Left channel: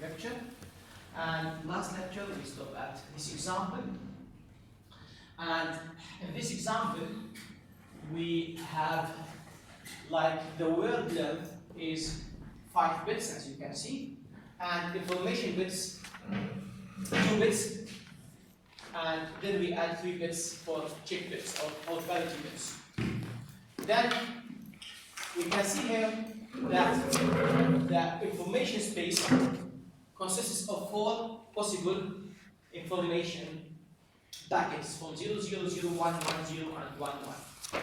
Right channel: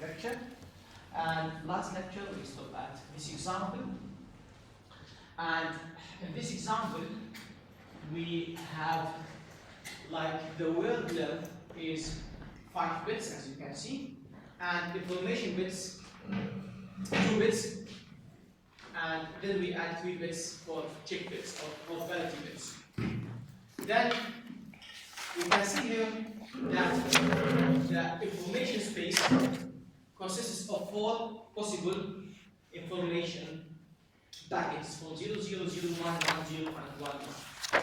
lecture. And last lecture we stopped at this example. And in this example, we have like the word length is 5 bits, as you can see, and information bits 2 bits, and then we add 3 bits for check bits or validity bits. Then we can see here that the information space consists of 4 possible information packets from 0, 0, 0, 1, 1, 0, and 1, 1.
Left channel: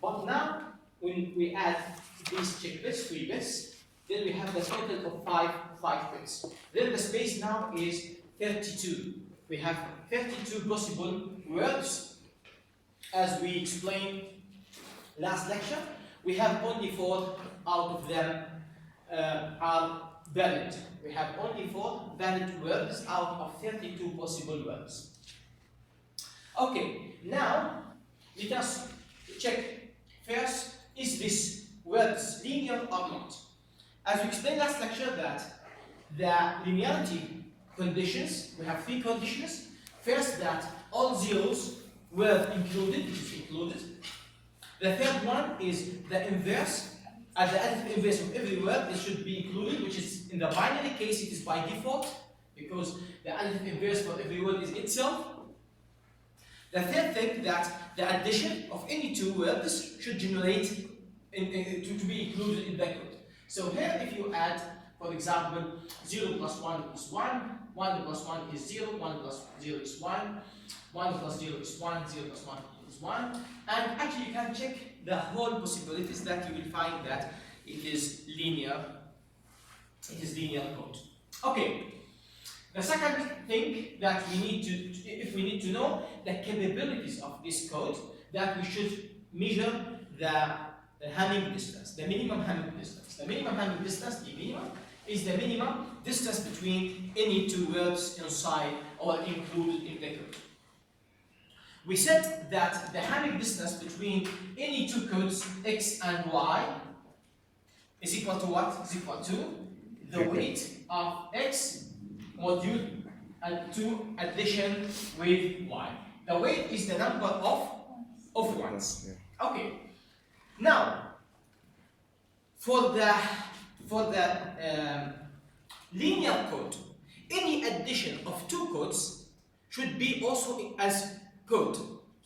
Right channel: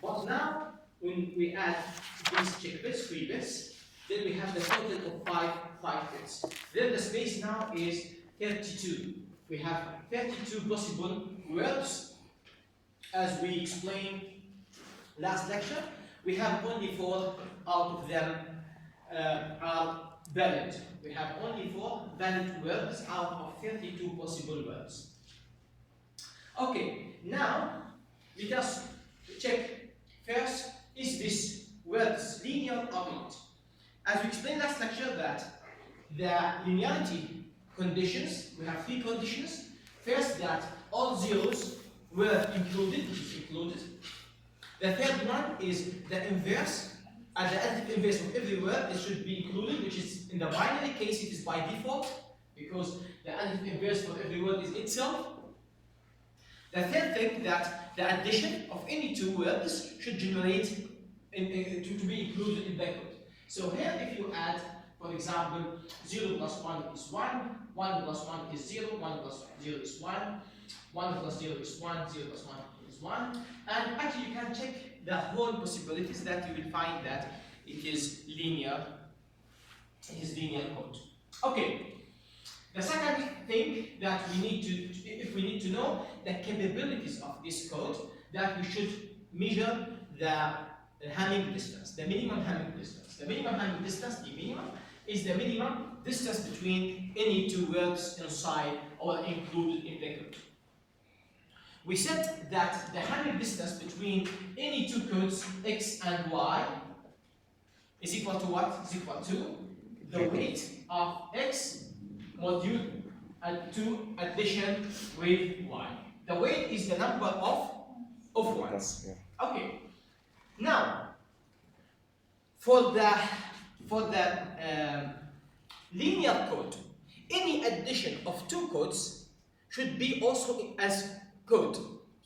But now, when we add these check bits, 3 bits, then we have the total of 5 bits. Then the space now is 32. We have 32 possible words. As we explained last lecture, we have only 4 out of them are valid. We have only 4 valid words out of 32 possible words. Okay, now let us check first, is this words linear or not? As we explained last lecture that the linearity conditions, we have 3 conditions. First, that all zeros were included, which is included. The third one is the inverse. At the additive inverse of every word, it should be included, which is in the binary case, it is by default, because the additive inverse for every word is itself. The third thing, that the addition of any 2 words should generate to be included in the code. So here, if you add, for example, 0 plus 1 is 1, 1 plus 1 is 0, 1 plus 0 is 1, 1 plus 0 is 1, 0 plus 1 is 1, and actually you can check the whole possibilities that you will find that it is linear code. Okay. The second thing that we need to, if we need to know the capabilities of this code, that we should measure the Hamming distance, the minimum Hamming distance. The minimum Hamming distance, the minimum, is the minimum distance between any 2 words inside or included in the code. We said that the Hamming distance between any 2 codes x and y is equal to what? Is equal to the weight of x module and 2 addition with y. The weight is the number of ones. Okay. Now, for the linear code, any addition of 2 codes should be also as code,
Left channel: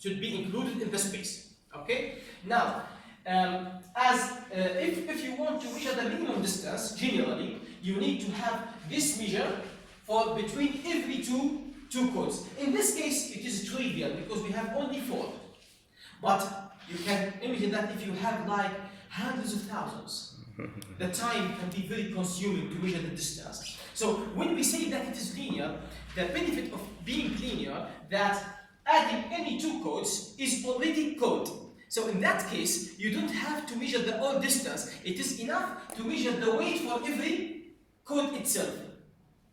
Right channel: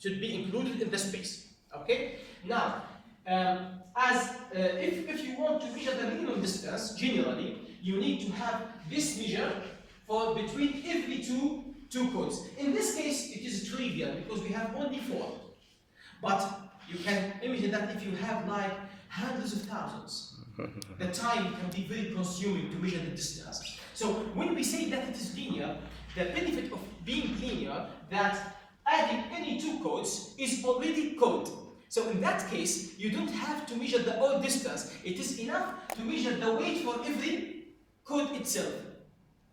should be included in the space. Okay. Now, if you want to measure the minimum distance, generally you need to have this measure for between every two codes. In this case, it is trivial because we have only 4. But you can imagine that if you have like hundreds of thousands, the time can be very consuming to measure the distance. So when we say that it is linear, the benefit of being linear, that adding any 2 codes is already code. So in that case, you don't have to measure the whole distance. It is enough to measure the weight for every code itself.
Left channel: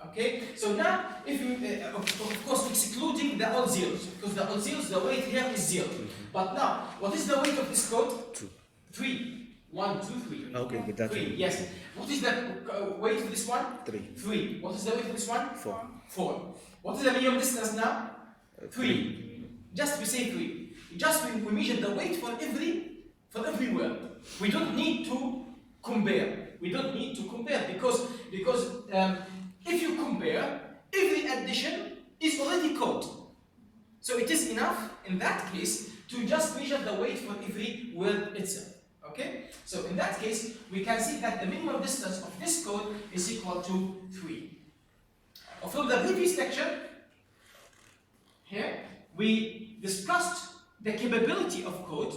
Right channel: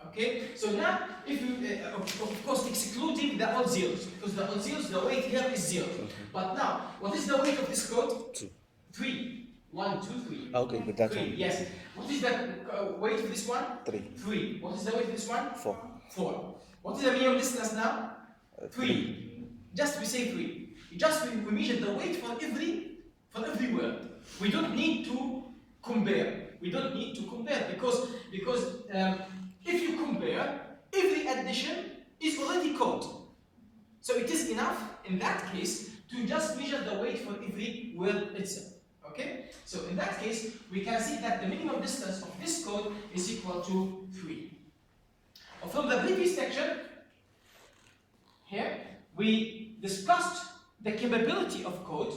Okay, so now if you, of course, excluding the odd zeros, because the odd zeros, the weight here is 0. But now, what is the weight of this code? 2. 3. 1, 2, 3. Okay, but that's 3. Yes. What is the weight of this one? 3. 3. What is the weight of this one? 4. 4. What is the minimum distance now? 3. Just we say 3. Just we measure the weight for every word. We don't need to compare. We don't need to compare because if you compare, every addition is already code. So it is enough in that case to just measure the weight for every word itself. Okay? So in that case, we can see that the minimum distance of this code is equal to 3. From the previous lecture, here, we discussed the capability of code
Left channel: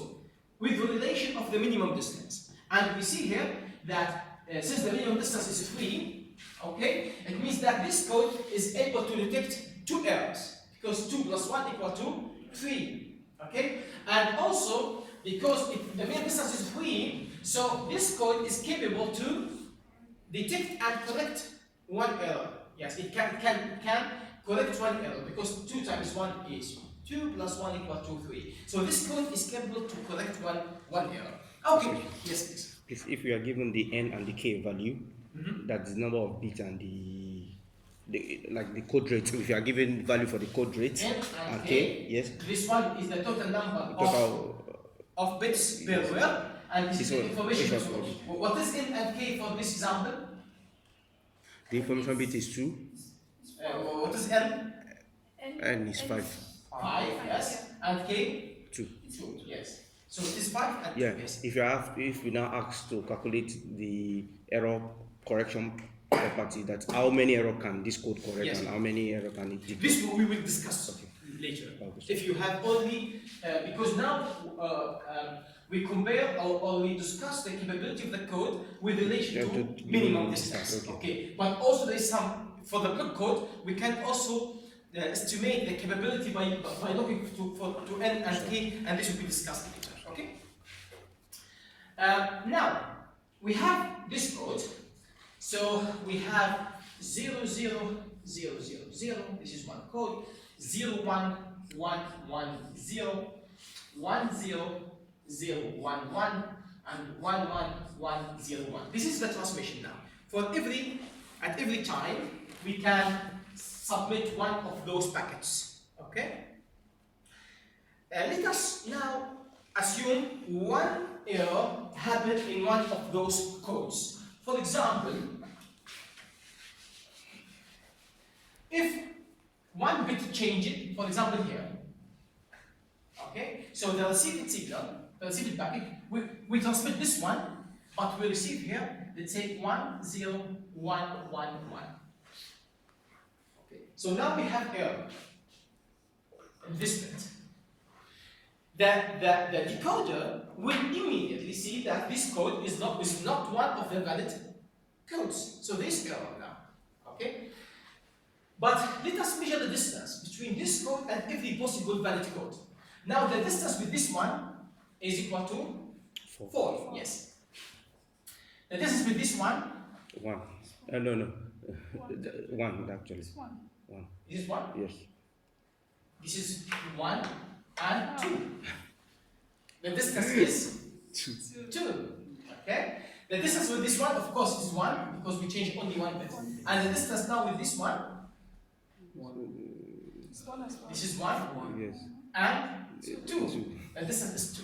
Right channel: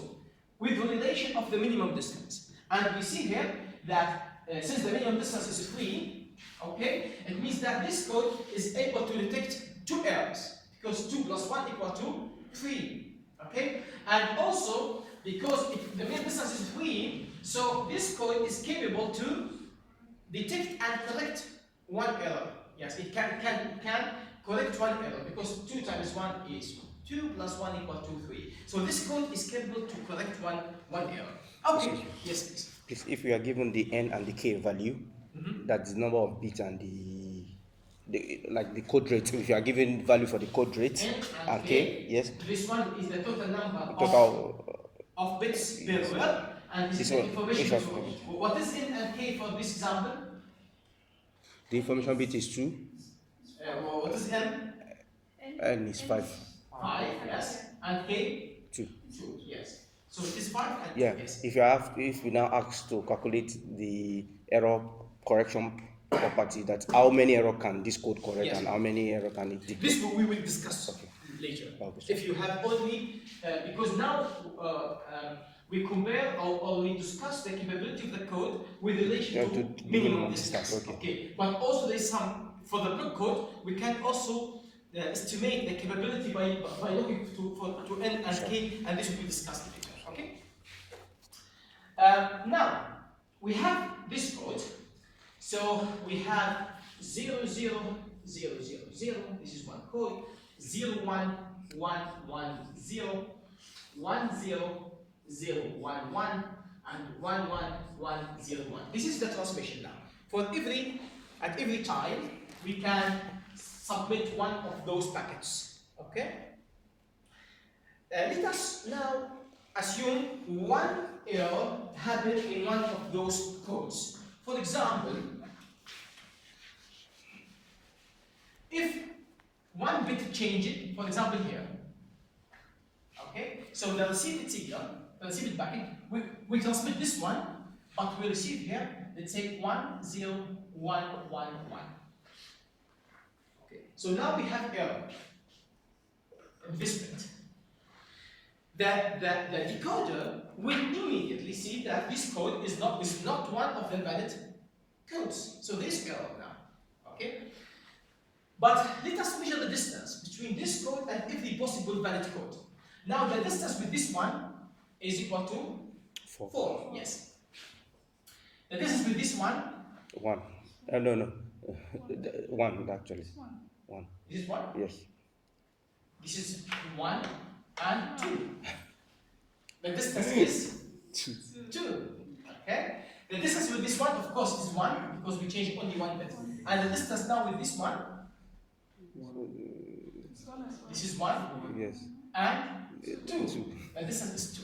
with the relation of the minimum distance. And we see here that since the minimum distance is 3, okay, it means that this code is able to detect 2 errors, because 2 plus 1 equal to 3. Okay? And also, because the minimum distance is 3, so this code is capable to detect and correct 1 error. Yes, it can correct 1 error, because 2 times 1 is 2 plus 1 equal to 3. So this code is capable to correct one error. Okay, yes please. If you are given the n and the k value, that's the number of bits and the like the code rate. If you are given value for the code rate, N and K, yes. This one is the total number of bits per yes. word, and this is the information. Yes, what is N and K for this example? The information bit is 2. What is N? N is 5. 5, yes. And K? 2. 2, yes. So it is 5 and 2, yeah. yes. If we now ask to calculate the error correction property, that how many error can this code correct, yes, and how many error can it detect. This we will discuss later. If you have only, because now we compare or we discuss the capability of the code with relation to minimum distance. Okay. But also there is some, for the block code, we can also estimate the capability by looking to N and K, and this will be discussed later. Okay. Now we have this code. So we have 0, 0, 0, 0, 0. This is one code. 0, 1, 1, 1, 0, 1, 0, 0, 1, 1, and 1, 1, 1, 0, 1. This is the transmission now. At every time, we can submit one of those packets. Okay? Let us now assume one error happened in one of those codes. For example, if one bit changes, for example here, okay, so the received signal, the received packet, we transmit this one, but we receive here, let's say 1, 0, 1, 1, 1. Okay, so now we have error in this bit. The decoder will immediately see that this code is not one of the valid codes. So there is error now. Okay? But let us measure the distance between this code and every possible valid code. Now the distance with this one is equal to 4. Yes. The distance with this one? 1. No. 1 actually. 1. This is 1? Yes. This is 1 and 2. The distance is 2. Okay? The distance with this one, of course, is 1 because we changed only one bit. And the distance now with this one, this is 1, yes, and 2. The distance is 2.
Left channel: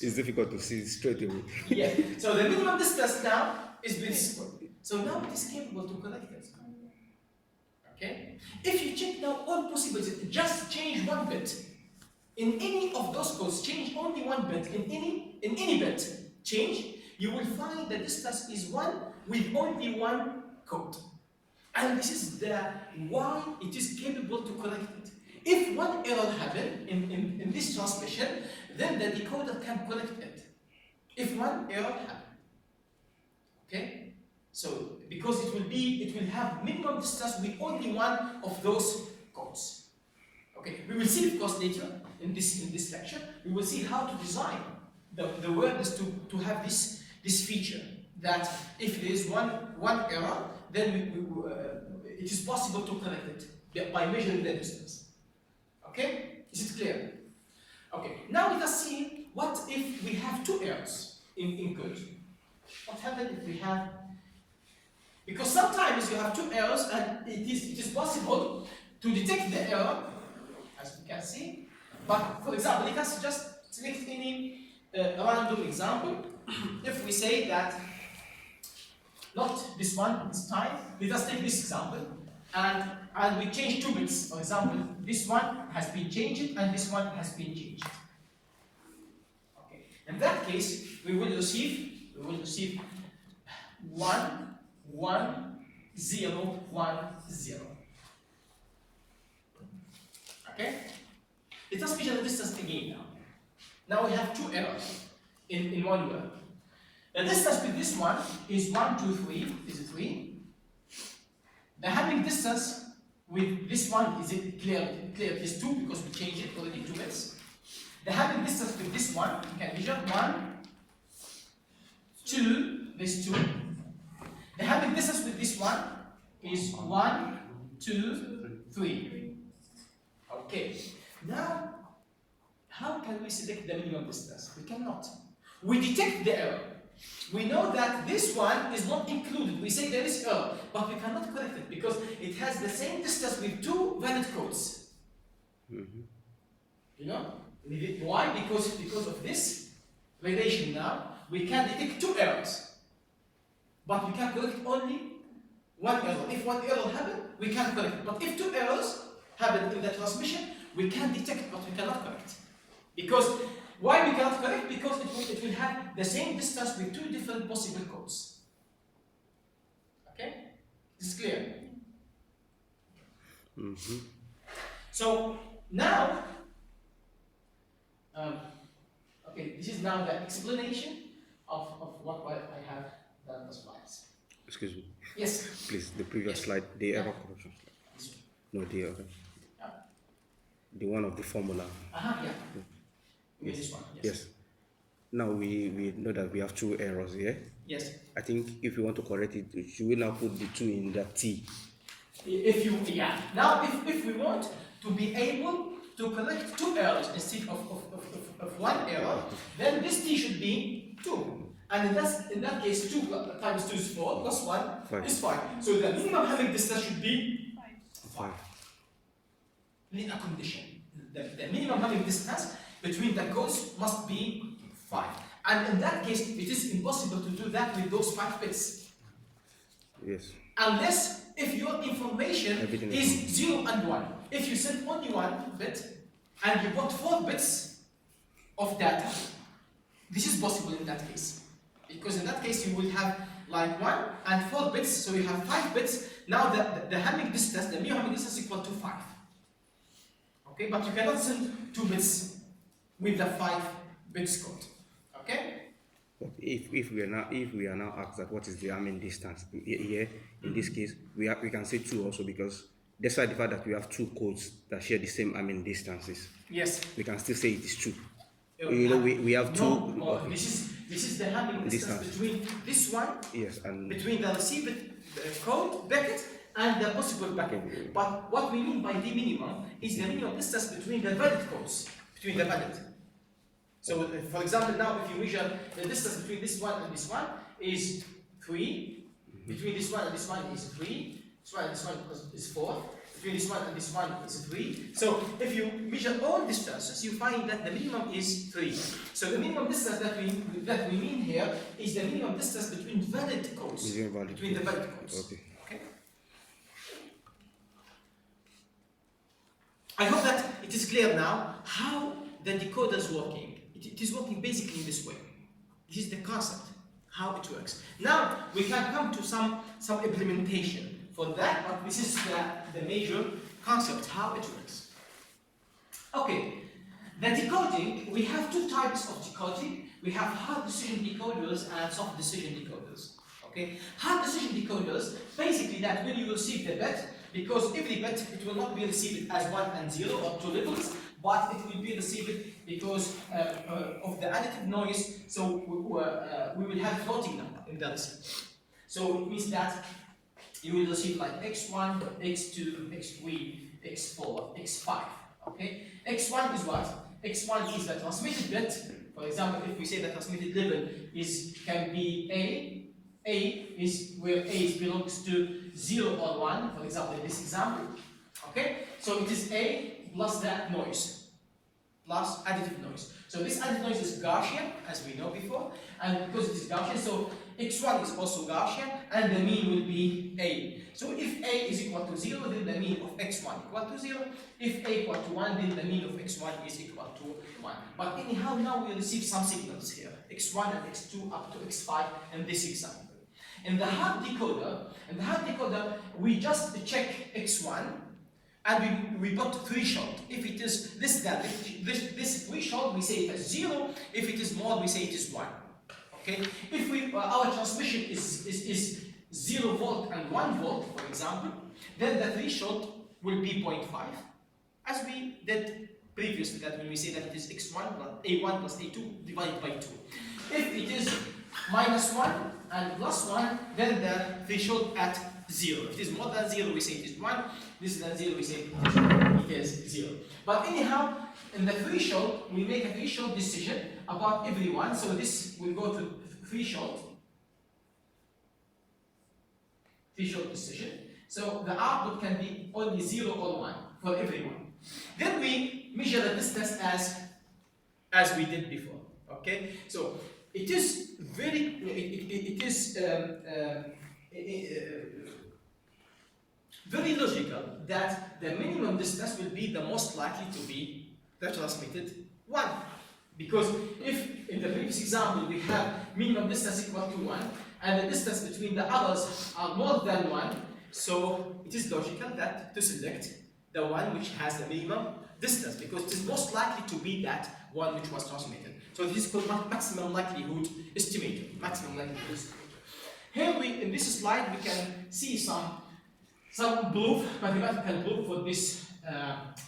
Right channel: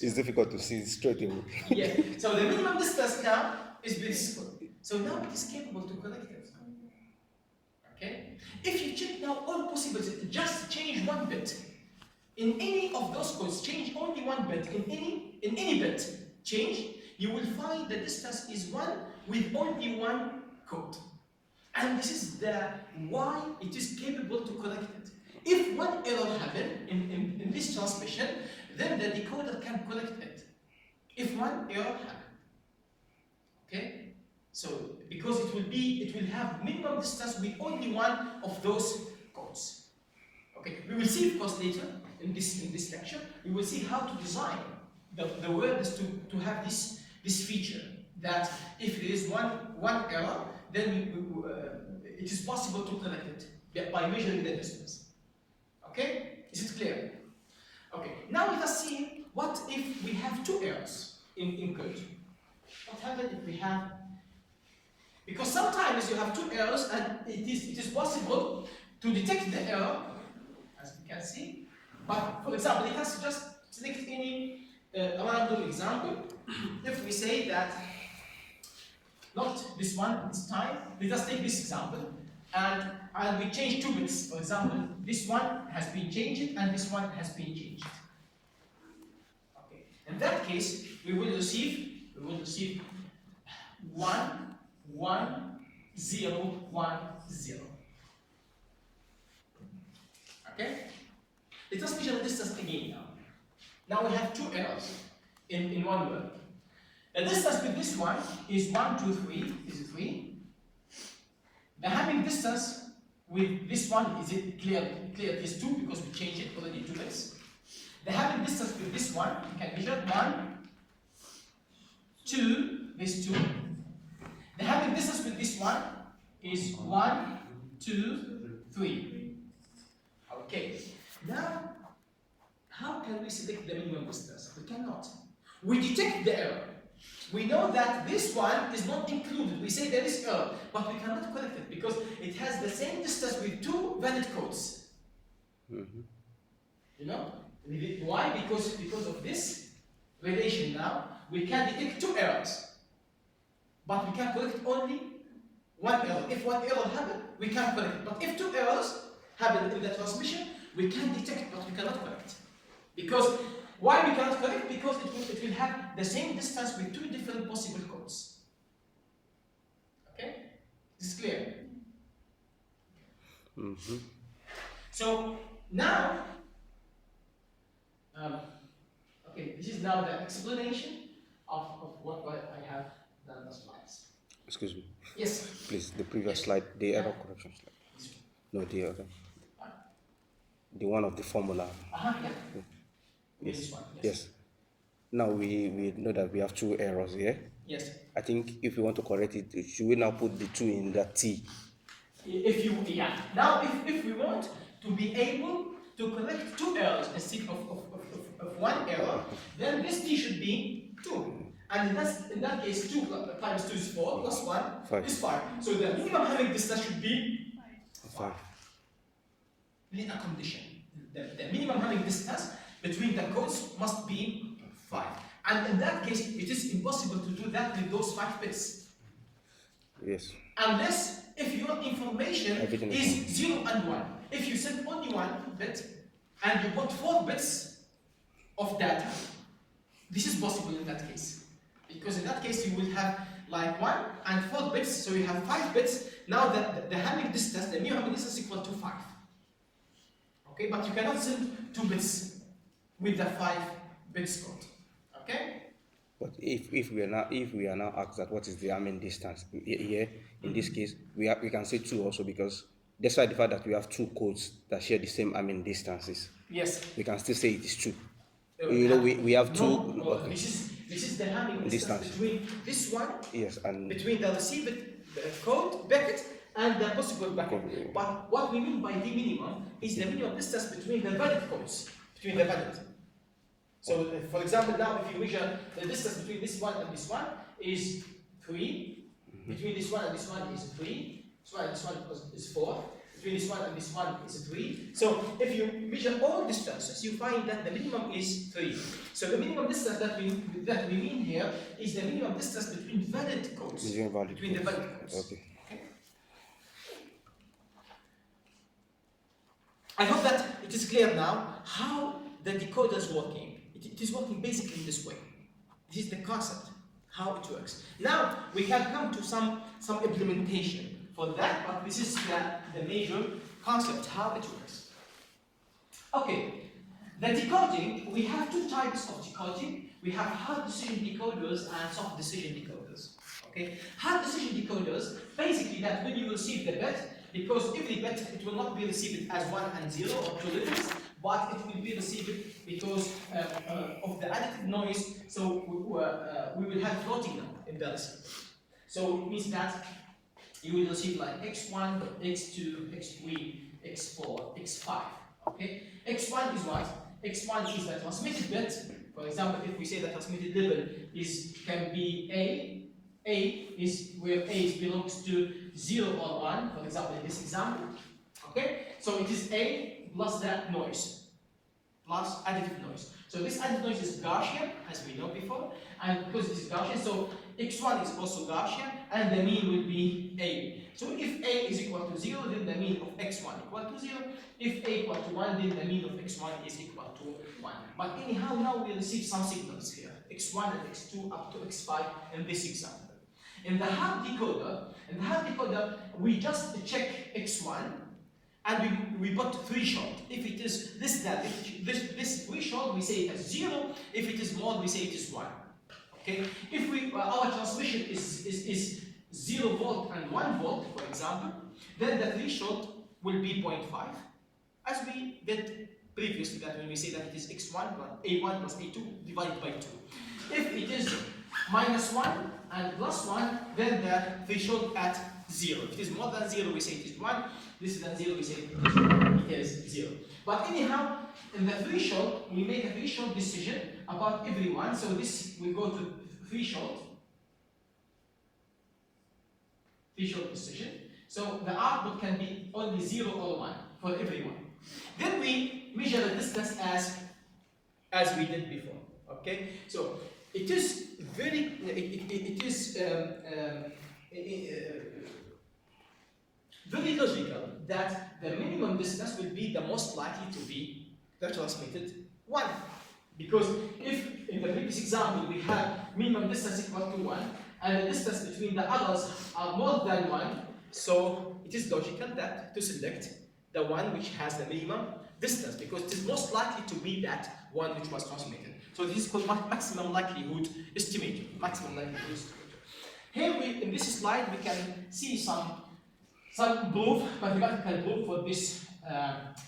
It's difficult to see straight away. Yeah. So the minimum distance now is with this code. So now it is capable to connect it. Okay? If you check now all possibilities, just change one bit. In any of those codes, change only one bit. In any bit, change, you will find the distance is 1 with only one code. And this is why it is capable to connect it. If one error happened in this transmission, then the decoder can connect it. If one error happened. Okay? So because it will have minimum distance with only one of those codes. Okay, we will see of course later in this lecture, we will see how to design the words to have this feature, that if there is one error, then it is possible to connect it by measuring the distance. Okay? Is it clear? Okay, now let us see what if we have 2 errors in code. What happens if we have, because sometimes you have 2 errors and it is possible to detect the error, as you can see. But for example, let us just select any random example. If we say that, not this one this time, let us take this example, and we change 2 bits. For example, this one has been changed and this one has been changed. Okay. In that case, we will receive 1, 1, 0, 1, 0. Okay? Let us measure the distance again now. Now we have 2 errors in one word. The distance with this one is 1, 2, 3. Is it 3? The having distance with this one, is it clear? It is 2 because we changed it already 2 bits. The having distance with this one, you can measure 1, 2, this 2. The having distance with this one is 1, 2, 3. Okay. Now, how can we select the minimum distance? We cannot. We detect the error. we know that this one is not included. We say there is error, but we cannot correct it because it has the same distance with two valid codes. You know? Why? Because of this relation now, we can detect two errors. But we can correct only one error. If one error happens, we can correct it. But if two errors happen in the transmission, we can detect it, but we cannot correct. Because why we cannot correct? Because it will have the same distance with two different possible codes. Okay? This is clear? So now, okay, this is now the explanation of what I have done the slides. Excuse me. Yes. Please, the previous slide, the error correction slide. No, the other. The one of the formula. Yeah. Yes. This one. Yes. Now we know that we have two errors here. Yes. I think if we want to correct it, should we now put the two in the T? Now if we want to be able to correct two errors instead of one error, then this T should be 2. And in that case, 2 times 2 is 4, plus 1 is 5. So the minimum Hamming distance should be 5. We need a condition. The minimum Hamming distance between the codes must be 5. And in that case, it is impossible to do that with those 5 bits. Yes. Unless if your information is 0 and 1. If you send only 1 bit and you put 4 bits of data, this is possible in that case. Because in that case you will have like 1 and 4 bits, so you have 5 bits. Now the Hamming distance, the minimum Hamming distance is equal to 5. Okay, but you cannot send 2 bits with the 5 bits code. Okay? But if we are now asked that what is the Hamming distance here, in this case, we can say 2 also, because despite the fact that we have 2 codes that share the same Hamming distances, yes, we can still say it is 2. You know, we have 2. No, okay. This is the Hamming distance between this one, yes, and between the received code packet and the possible packet. But what we mean by the minimum is the minimum distance between the valid codes, between the valid. So, for example, now if you measure the distance between this one and this one is 3, between this one and this one is 3, this one and this one is 4, between this one and this one is 3. So, if you measure all distances, you find that the minimum is 3. So, the minimum distance that we mean here is the minimum distance between valid codes, between the valid codes. Okay. I hope that it is clear now how the decoder is working. It is working basically in this way. This is the concept, how it works. Now we can come to some implementation for that, but this is the major concept, how it works. Okay, the decoding, we have 2 types of decoding. We have hard decision decoders and soft decision decoders. Okay, hard decision decoders, basically that when you receive the bit, because every bit it will not be received as 1 and 0 or 2 levels, but it will be received because of the additive noise. So we will have floating number in the receipt. So it means that you will receive like x1, x2, x3, x4, x5. Okay, x1 is what? x1 is the transmitted bit. For example, if we say the transmitted level can be A is where A belongs to 0 or 1, for example, in this example. Okay, so it is A plus that noise, plus additive noise. So this additive noise is Gaussian, as we know before, and because it is Gaussian, so x1 is also Gaussian, and the mean will be A. So if A is equal to 0, then the mean of x1 equal to 0. If A equal to 1, then the mean of x1 is equal to 1. But anyhow, now we receive some signals here, x1 and x2 up to x5 in this example. In the hard decoder, we just check x1, and we got threshold. If it is this threshold, we say it as 0. If it is more, we say it is 1. Okay. If our transmission is 0 volt and 1 volt, for example, then the threshold will be 0.5, as we did previously. That when we say that it is x1 plus a1 plus a2 divided by 2. If it is -1 and +1, then the threshold at 0. If it is more than 0, we say it is 1. This is than 0, we say it is 0. But anyhow, in the threshold, we make a threshold decision about every one. So this will go to threshold decision. So the output can be only 0 or 1 for everyone. Then we measure the distance as we did before. Okay, so it is very very logical that the minimum distance will be the most likely to be the transmitted one. Because if in the previous example we have minimum distance equal to 1 and the distance between the others are more than 1, so it is logical that to select the one which has the minimum distance, because it is most likely to be that one which was transmitted. So this is called maximum likelihood estimator. Maximum likelihood estimator. Here in this slide we can see some proof, mathematical proof for this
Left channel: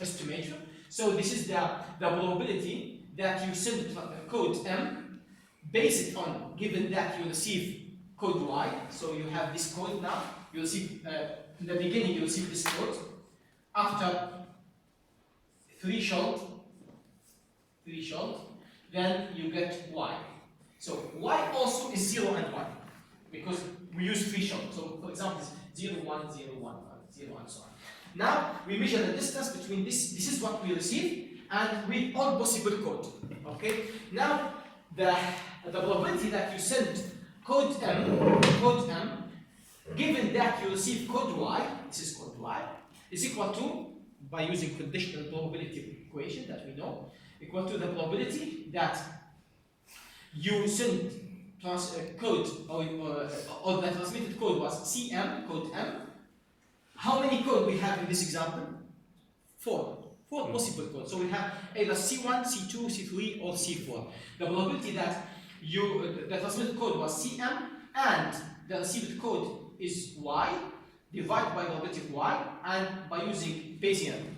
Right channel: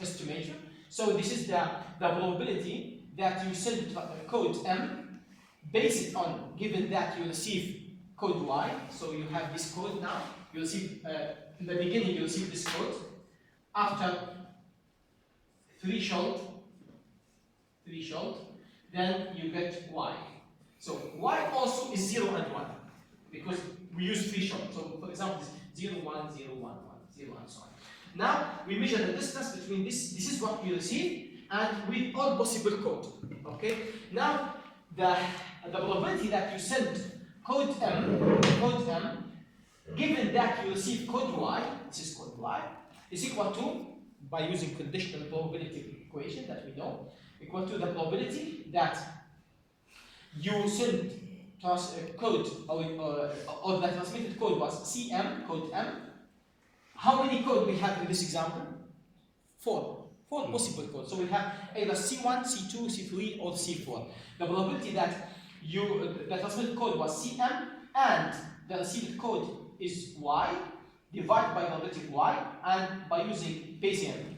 estimator. So this is the probability that you send code M based on given that you receive code Y. So you have this code now. You receive in the beginning you receive this code. After threshold, then you get Y. So Y also is 0 and 1 because we use threshold. So for example, it's 0, 1, 0, 1, 1, 0, and so on. Now we measure the distance between this. This is what we receive, and with all possible code. Okay. Now the probability that you send code M, given that you receive code Y, this is code Y, is equal to, by using conditional probability equation that we know, equal to the probability that you send code or the transmitted code was CM, code M. How many code we have in this example? 4 possible codes. So we have either C1, C2, C3, or C4. The probability that the transmitted code was CM and the received code is Y, divided by the probability of Y, and by using Bayesian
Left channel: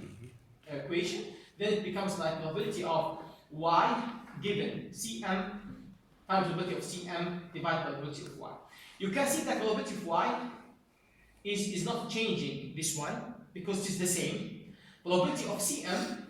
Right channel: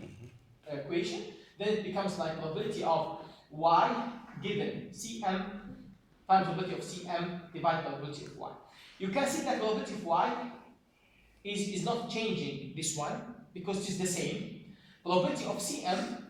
equation, then it becomes like probability of Y given CM times probability of CM divided by probability of Y. You can see that probability of Y is not changing this one because it is the same. Probability of CM,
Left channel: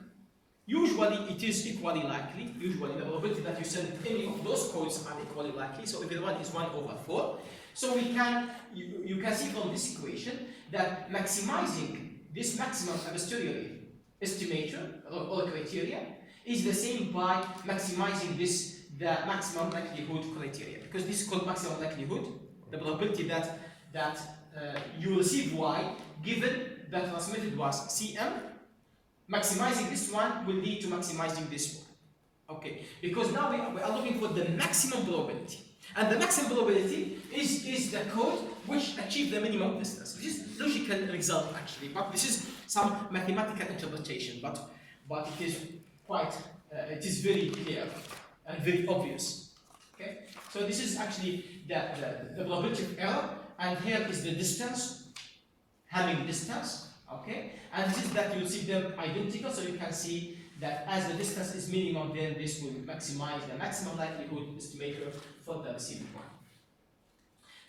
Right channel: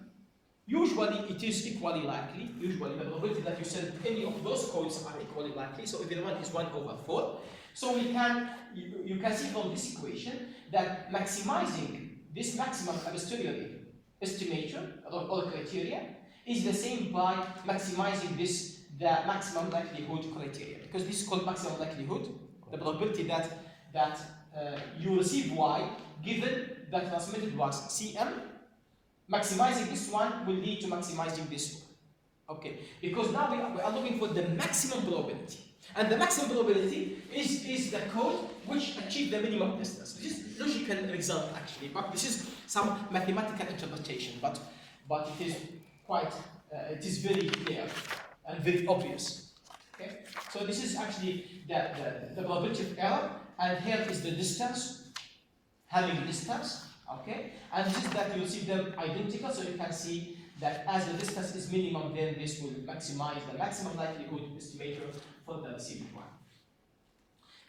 usually it is equally likely. Usually the probability that you send any of those codes are equally likely. So everyone is 1 over 4. So you can see from this equation that maximizing this maximum a posteriori estimator or criteria is the same by maximizing the maximum likelihood criteria, because this is called maximum likelihood, the probability that you receive Y given that transmitted was CM. Maximizing this one will lead to maximizing this one. Okay, because now we are looking for the maximum probability. And the maximum probability is the code which achieves the minimum distance, which is logical result actually, but this is some mathematical interpretation, but it is quite, it is very clear and very obvious. Okay, so this is actually the probability of error, and here is the distance, Hamming distance. Okay, and this is that you see them identical, so you can see that as the distance is minimum, then this will maximize the maximum likelihood estimator for the receiving one.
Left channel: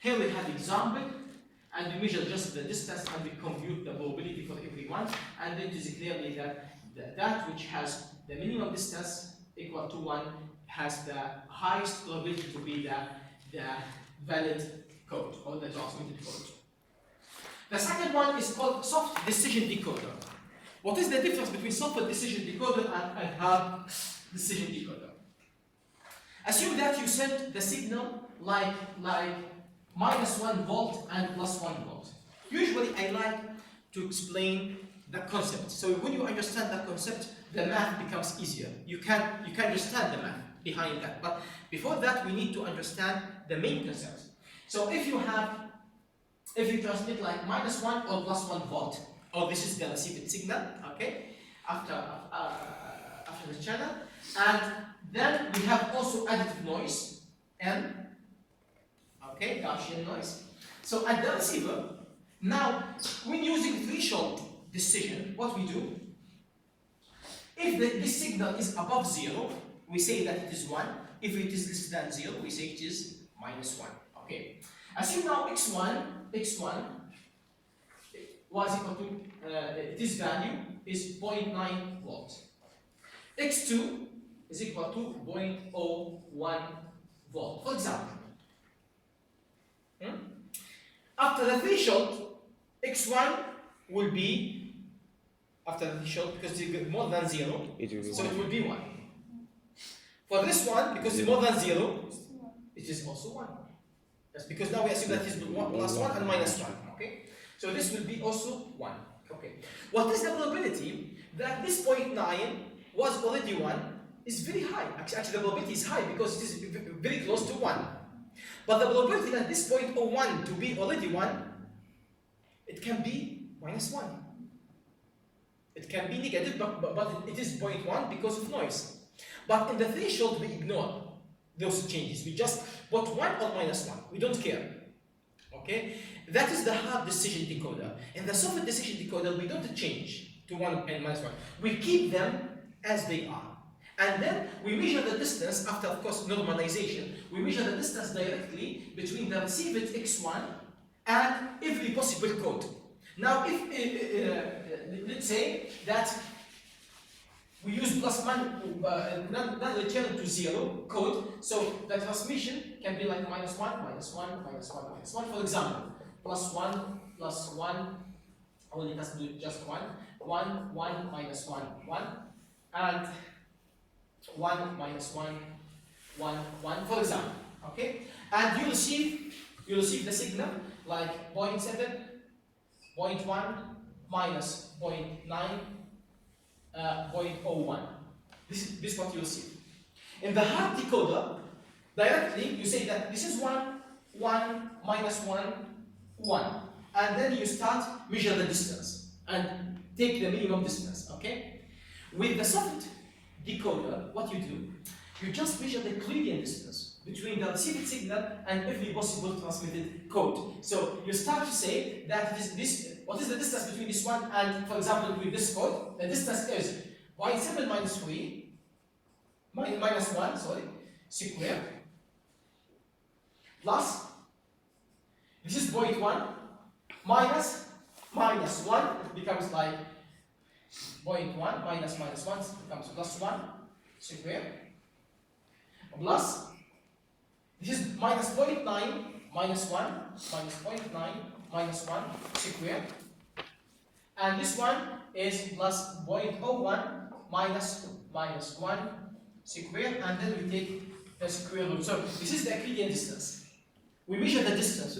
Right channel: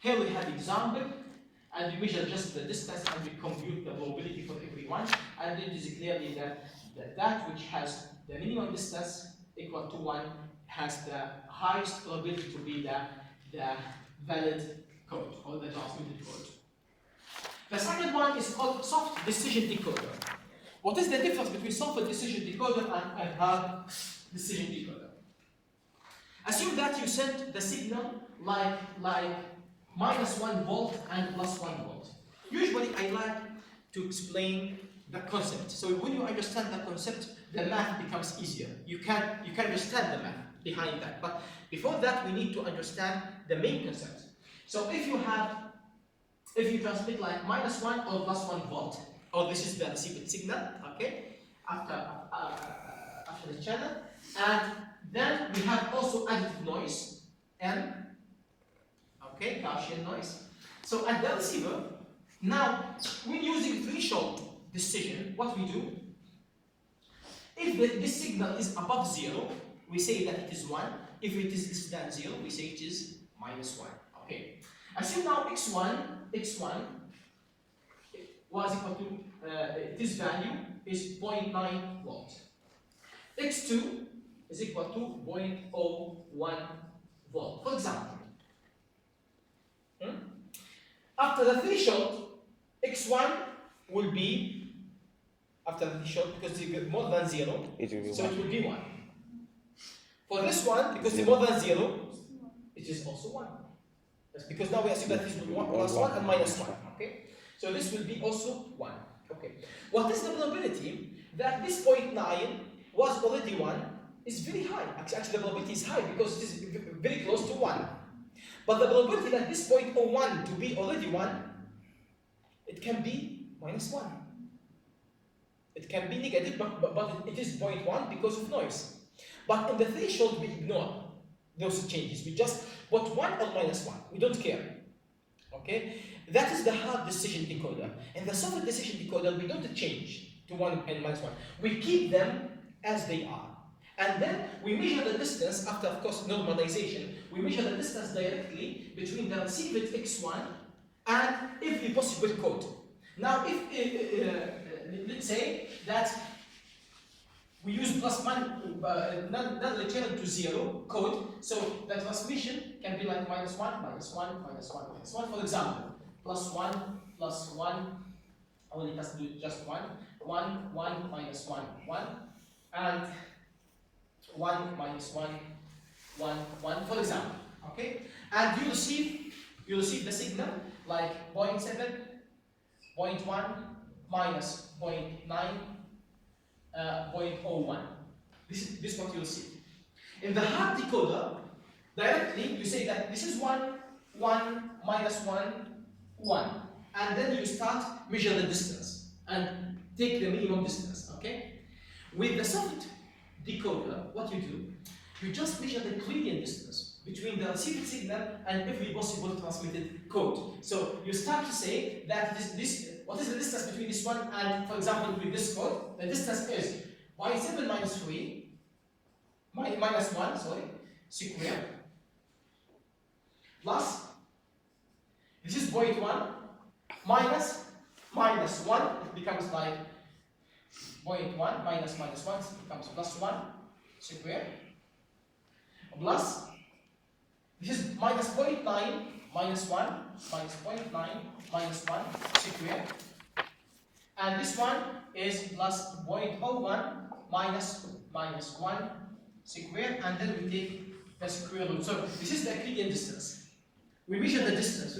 Here we have example, and we measure just the distance and we compute the probability for everyone, and it is clearly that which has the minimum distance equal to 1 has the highest probability to be the valid code or the transmitted code. The second one is called soft decision decoder. What is the difference between soft decision decoder and hard decision decoder? Assume that you send the signal like -1 volt and +1 volt. Usually I like to explain the concept. So when you understand the concept, the math becomes easier. You can understand the math behind that. But before that, we need to understand the main concept. So if you transmit like -1 or +1 volt, or this is the received signal, okay, after the channel, and then we have also additive noise, N, okay, Gaussian noise. So at the receiver, now when using threshold decision, what we do, if this signal is above 0, we say that it is 1. If it is less than 0, we say it is -1. Okay. Assume now x1 was equal to this value is 0.9 volt. x2 is equal to 0.01 volt. For example, After the threshold, x1 will be, after the threshold, because it's more than 0, so it will be 1. For this one, because it's more than 0, it is also 1. That's because now we assume that it is 1 plus 1 and minus 1. Okay? So this will be also 1. Okay. What is the probability that this 0.9 was already 1 is very high. Actually, the probability is high because it is very close to 1. But the probability that this 0.01 to be already 1, it can be minus 1. It can be negative, but it is 0.1 because of noise. But in the threshold, we ignore those changes. We just put 1 or minus 1. We don't care. Okay? That is the hard decision decoder. In the soft decision decoder, we don't change to 1 and minus 1. We keep them as they are. And then we measure the distance after, of course, normalization. We measure the distance directly between the received x1 and every possible code. Now, if let's say that we use plus non-return to 0 code, so the transmission can be like minus 1, minus 1, minus 1, minus 1. For example, plus 1, only let's do just 1, 1, minus 1, 1, and 1 minus 1, 1, 1, for example. Okay? And you receive the signal like 0.7, 0.1, minus 0.9, 0.01. This is what you'll see. In the hard decoder, directly you say that this is 1, 1, minus 1, 1. And then you start measure the distance and take the minimum distance. Okay? With the soft decoder, what you do, you just measure the Euclidean distance between the received signal and every possible transmitted code. So you start to say that what is the distance between this one and, for example, with this code, the distance is 0.7 minus 3, minus 1, sorry, square, plus, this is 0.1, minus 1, it becomes like 0.1 minus 1 becomes plus 1 square, plus this is minus 0.9 minus 1 minus 0.9 minus 1 square, and this one is plus 0.01 minus 1 square, and then we take the square root. So this is the Euclidean distance. We measure the distance,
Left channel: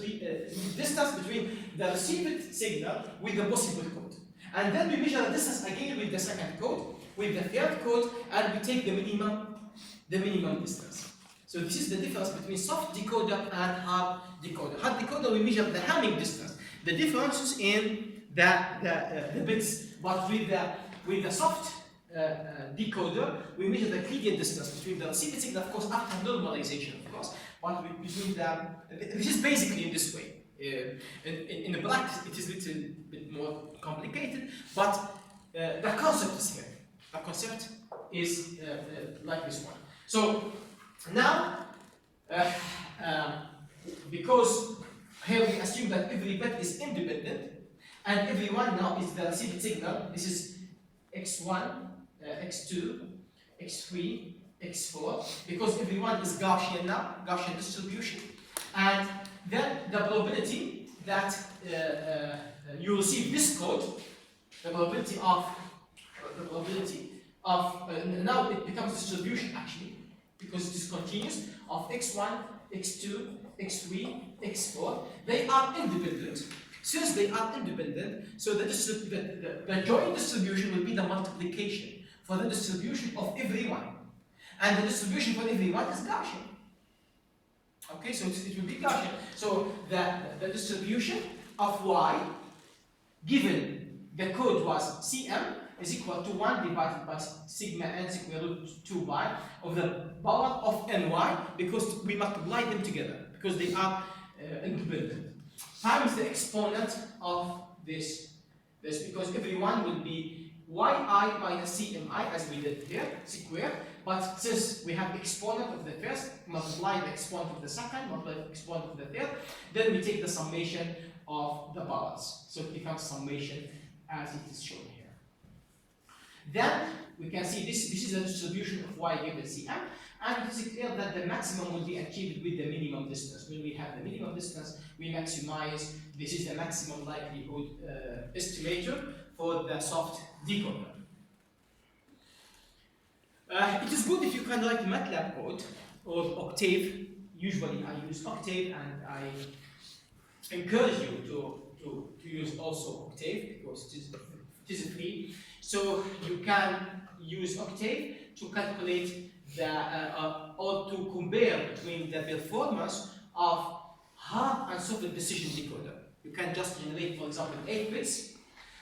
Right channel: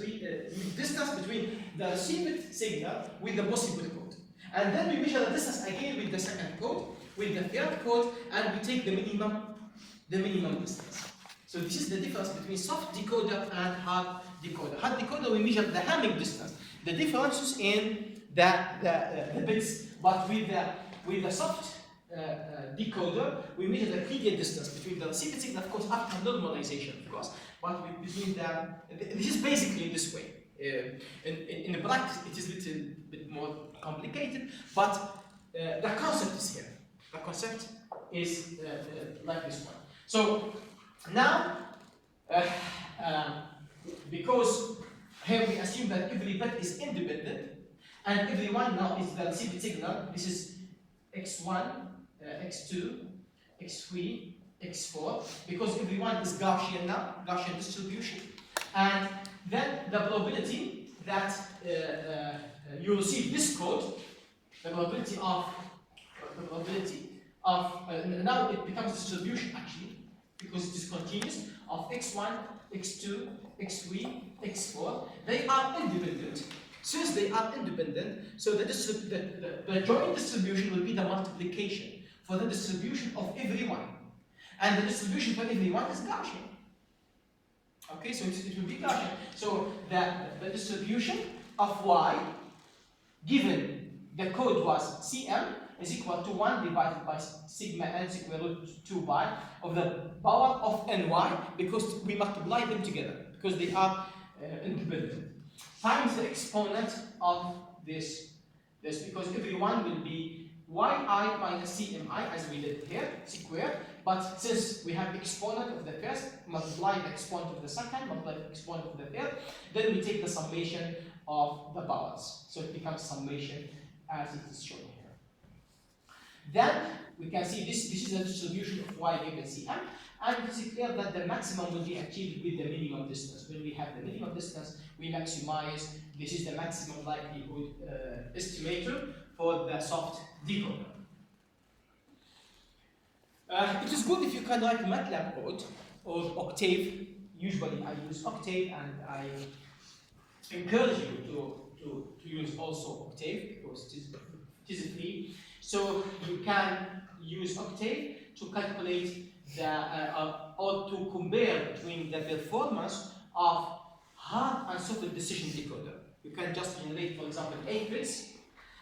distance between the received signal with the possible code. And then we measure the distance again with the second code, with the third code, and we take the minimum distance. So this is the difference between soft decoder and hard decoder. Hard decoder, we measure the Hamming distance, the differences in the bits, but with the soft decoder, we measure the Euclidean distance between the received signal, of course, after normalization, of course, but between this is basically in this way. In the practice, it is a little bit more complicated, but the concept is here. The concept is like this one. So now, because here we assume that every bit is independent, and every one now is the received signal. This is x1, x2, x3, x4, because every one is Gaussian now, Gaussian distribution, and then the probability that you receive this code, the probability of now it becomes distribution actually, because it is continuous, of x1, x2, x3, x4. They are independent. Since they are independent, so the joint distribution will be the multiplication for the distribution of every one. And the distribution for every one is Gaussian. Okay, so it will be Gaussian. So the distribution of y, given the code was Cm, is equal to 1 divided by sigma n square root 2 pi of the power of ny, because we multiply them together, because they are independent, times the exponent of this, because every one will be yi minus cmi, as we did here, squared. But since we have exponent of the first, multiply the exponent of the second, multiply the exponent of the third, then we take the summation of the powers. So it becomes summation as it is shown here. Then we can see this is the distribution of y given Cm, and it is clear that the maximum will be achieved with the minimum distance. When we have the minimum distance, we maximize, this is the maximum likelihood estimator for the soft decoder. It is good if you can write MATLAB code or Octave. Usually I use Octave, and I encourage you to use also Octave because it is free. So you can use Octave to calculate or to compare between the performance of hard and soft decision decoder. You can just generate, for example, 8 bits,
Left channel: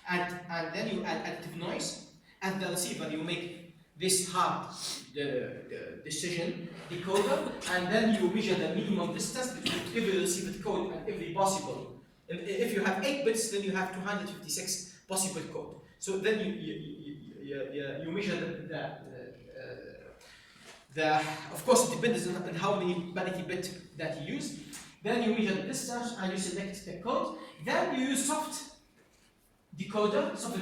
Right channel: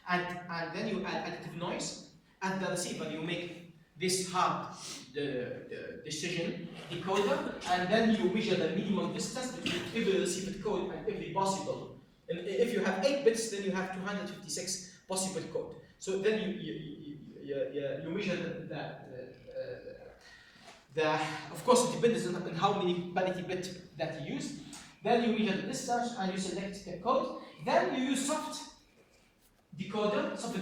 and then you add additive noise. At the receiver, you make this hard the decision decoder, and then you measure the minimum distance between every received code and every possible. And if you have 8 bits, then you have 256 possible code. So then you measure of course it depends on how many parity bits that you use. Then you measure the distance and you select the code. Then you use soft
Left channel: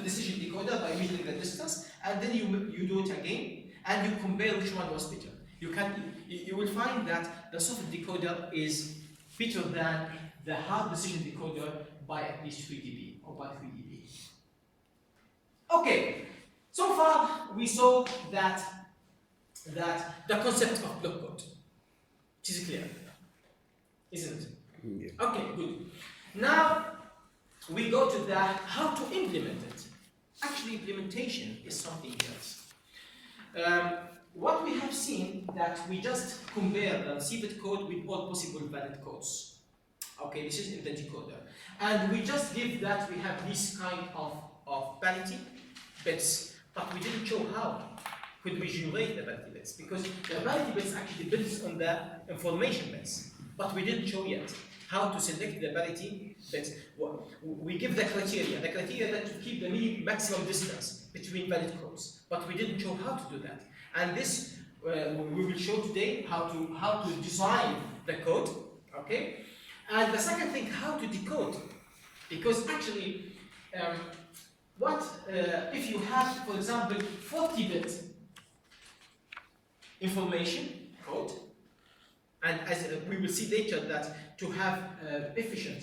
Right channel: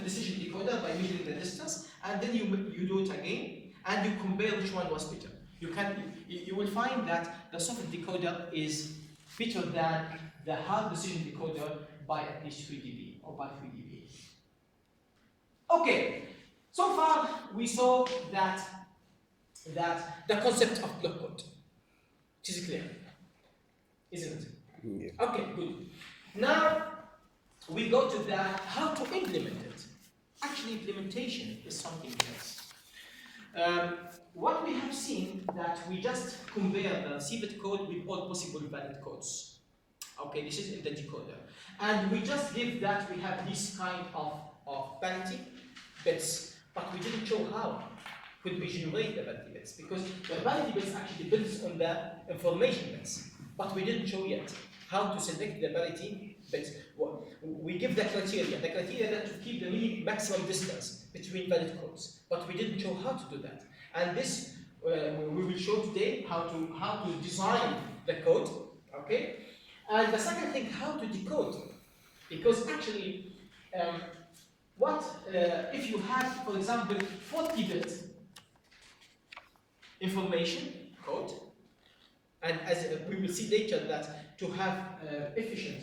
decision decoder by measuring the distance, and then you do it again and you compare which one was better. You will find that the soft decoder is better than the hard decision decoder by at least 3 dB or by 3 dB. Okay, so far we saw that the concept of block code, which is clear, isn't it? Yeah. Okay, good. Now we go to how to implement it. Actually, implementation is something else. What we have seen that we just compare the received code with all possible valid codes. Okay, this is in the decoder, and we just give that we have this kind of parity bits, but we didn't show how could we generate the parity bits, because the parity bits actually depends on the information bits, but we didn't show yet how to select the parity bits. We give the criteria that to keep the maximum distance between valid codes, but we didn't show how to do that. And this we will show today how to design the code, okay? And the second thing, how to decode, because actually, if you have, for example, 40-bit information code, and as we will see later that to have efficient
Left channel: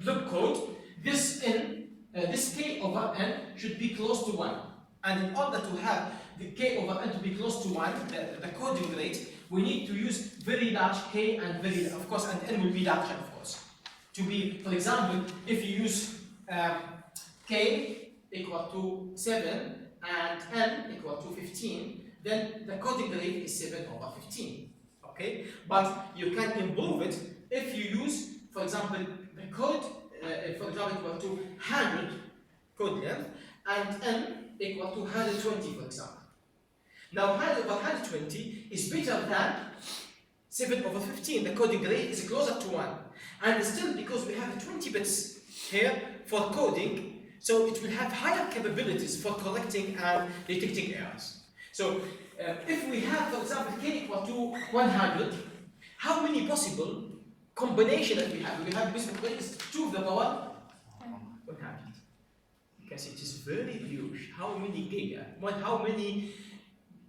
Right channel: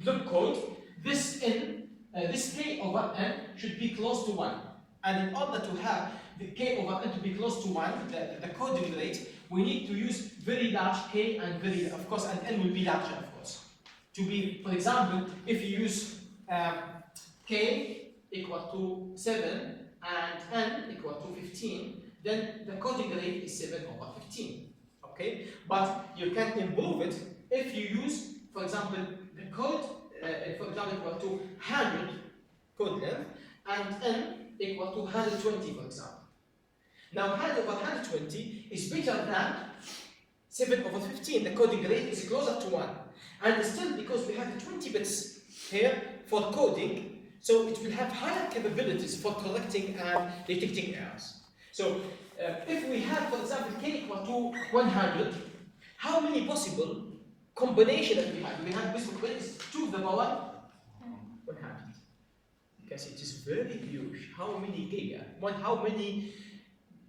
block code, this k over n should be close to 1. And in order to have the k over n to be close to 1, the coding rate, we need to use very large k and of course, and n will be larger, of course. To be, for example, if you use k equal to 7 and n equal to 15, then the coding rate is 7 over 15. Okay? But you can improve it if you use, for example, the code, for example, equal to 100 code length and n equal to 120, for example. Now 100 over 120 is better than 7 over 15. The coding rate is closer to 1. And still, because we have 20 bits here for coding, so it will have higher capabilities for collecting and detecting errors. So if we have, for example, k equal to 100, how many possible combinations that we have? We have possible combinations 2 to the power 100. Because it is very huge. How many how many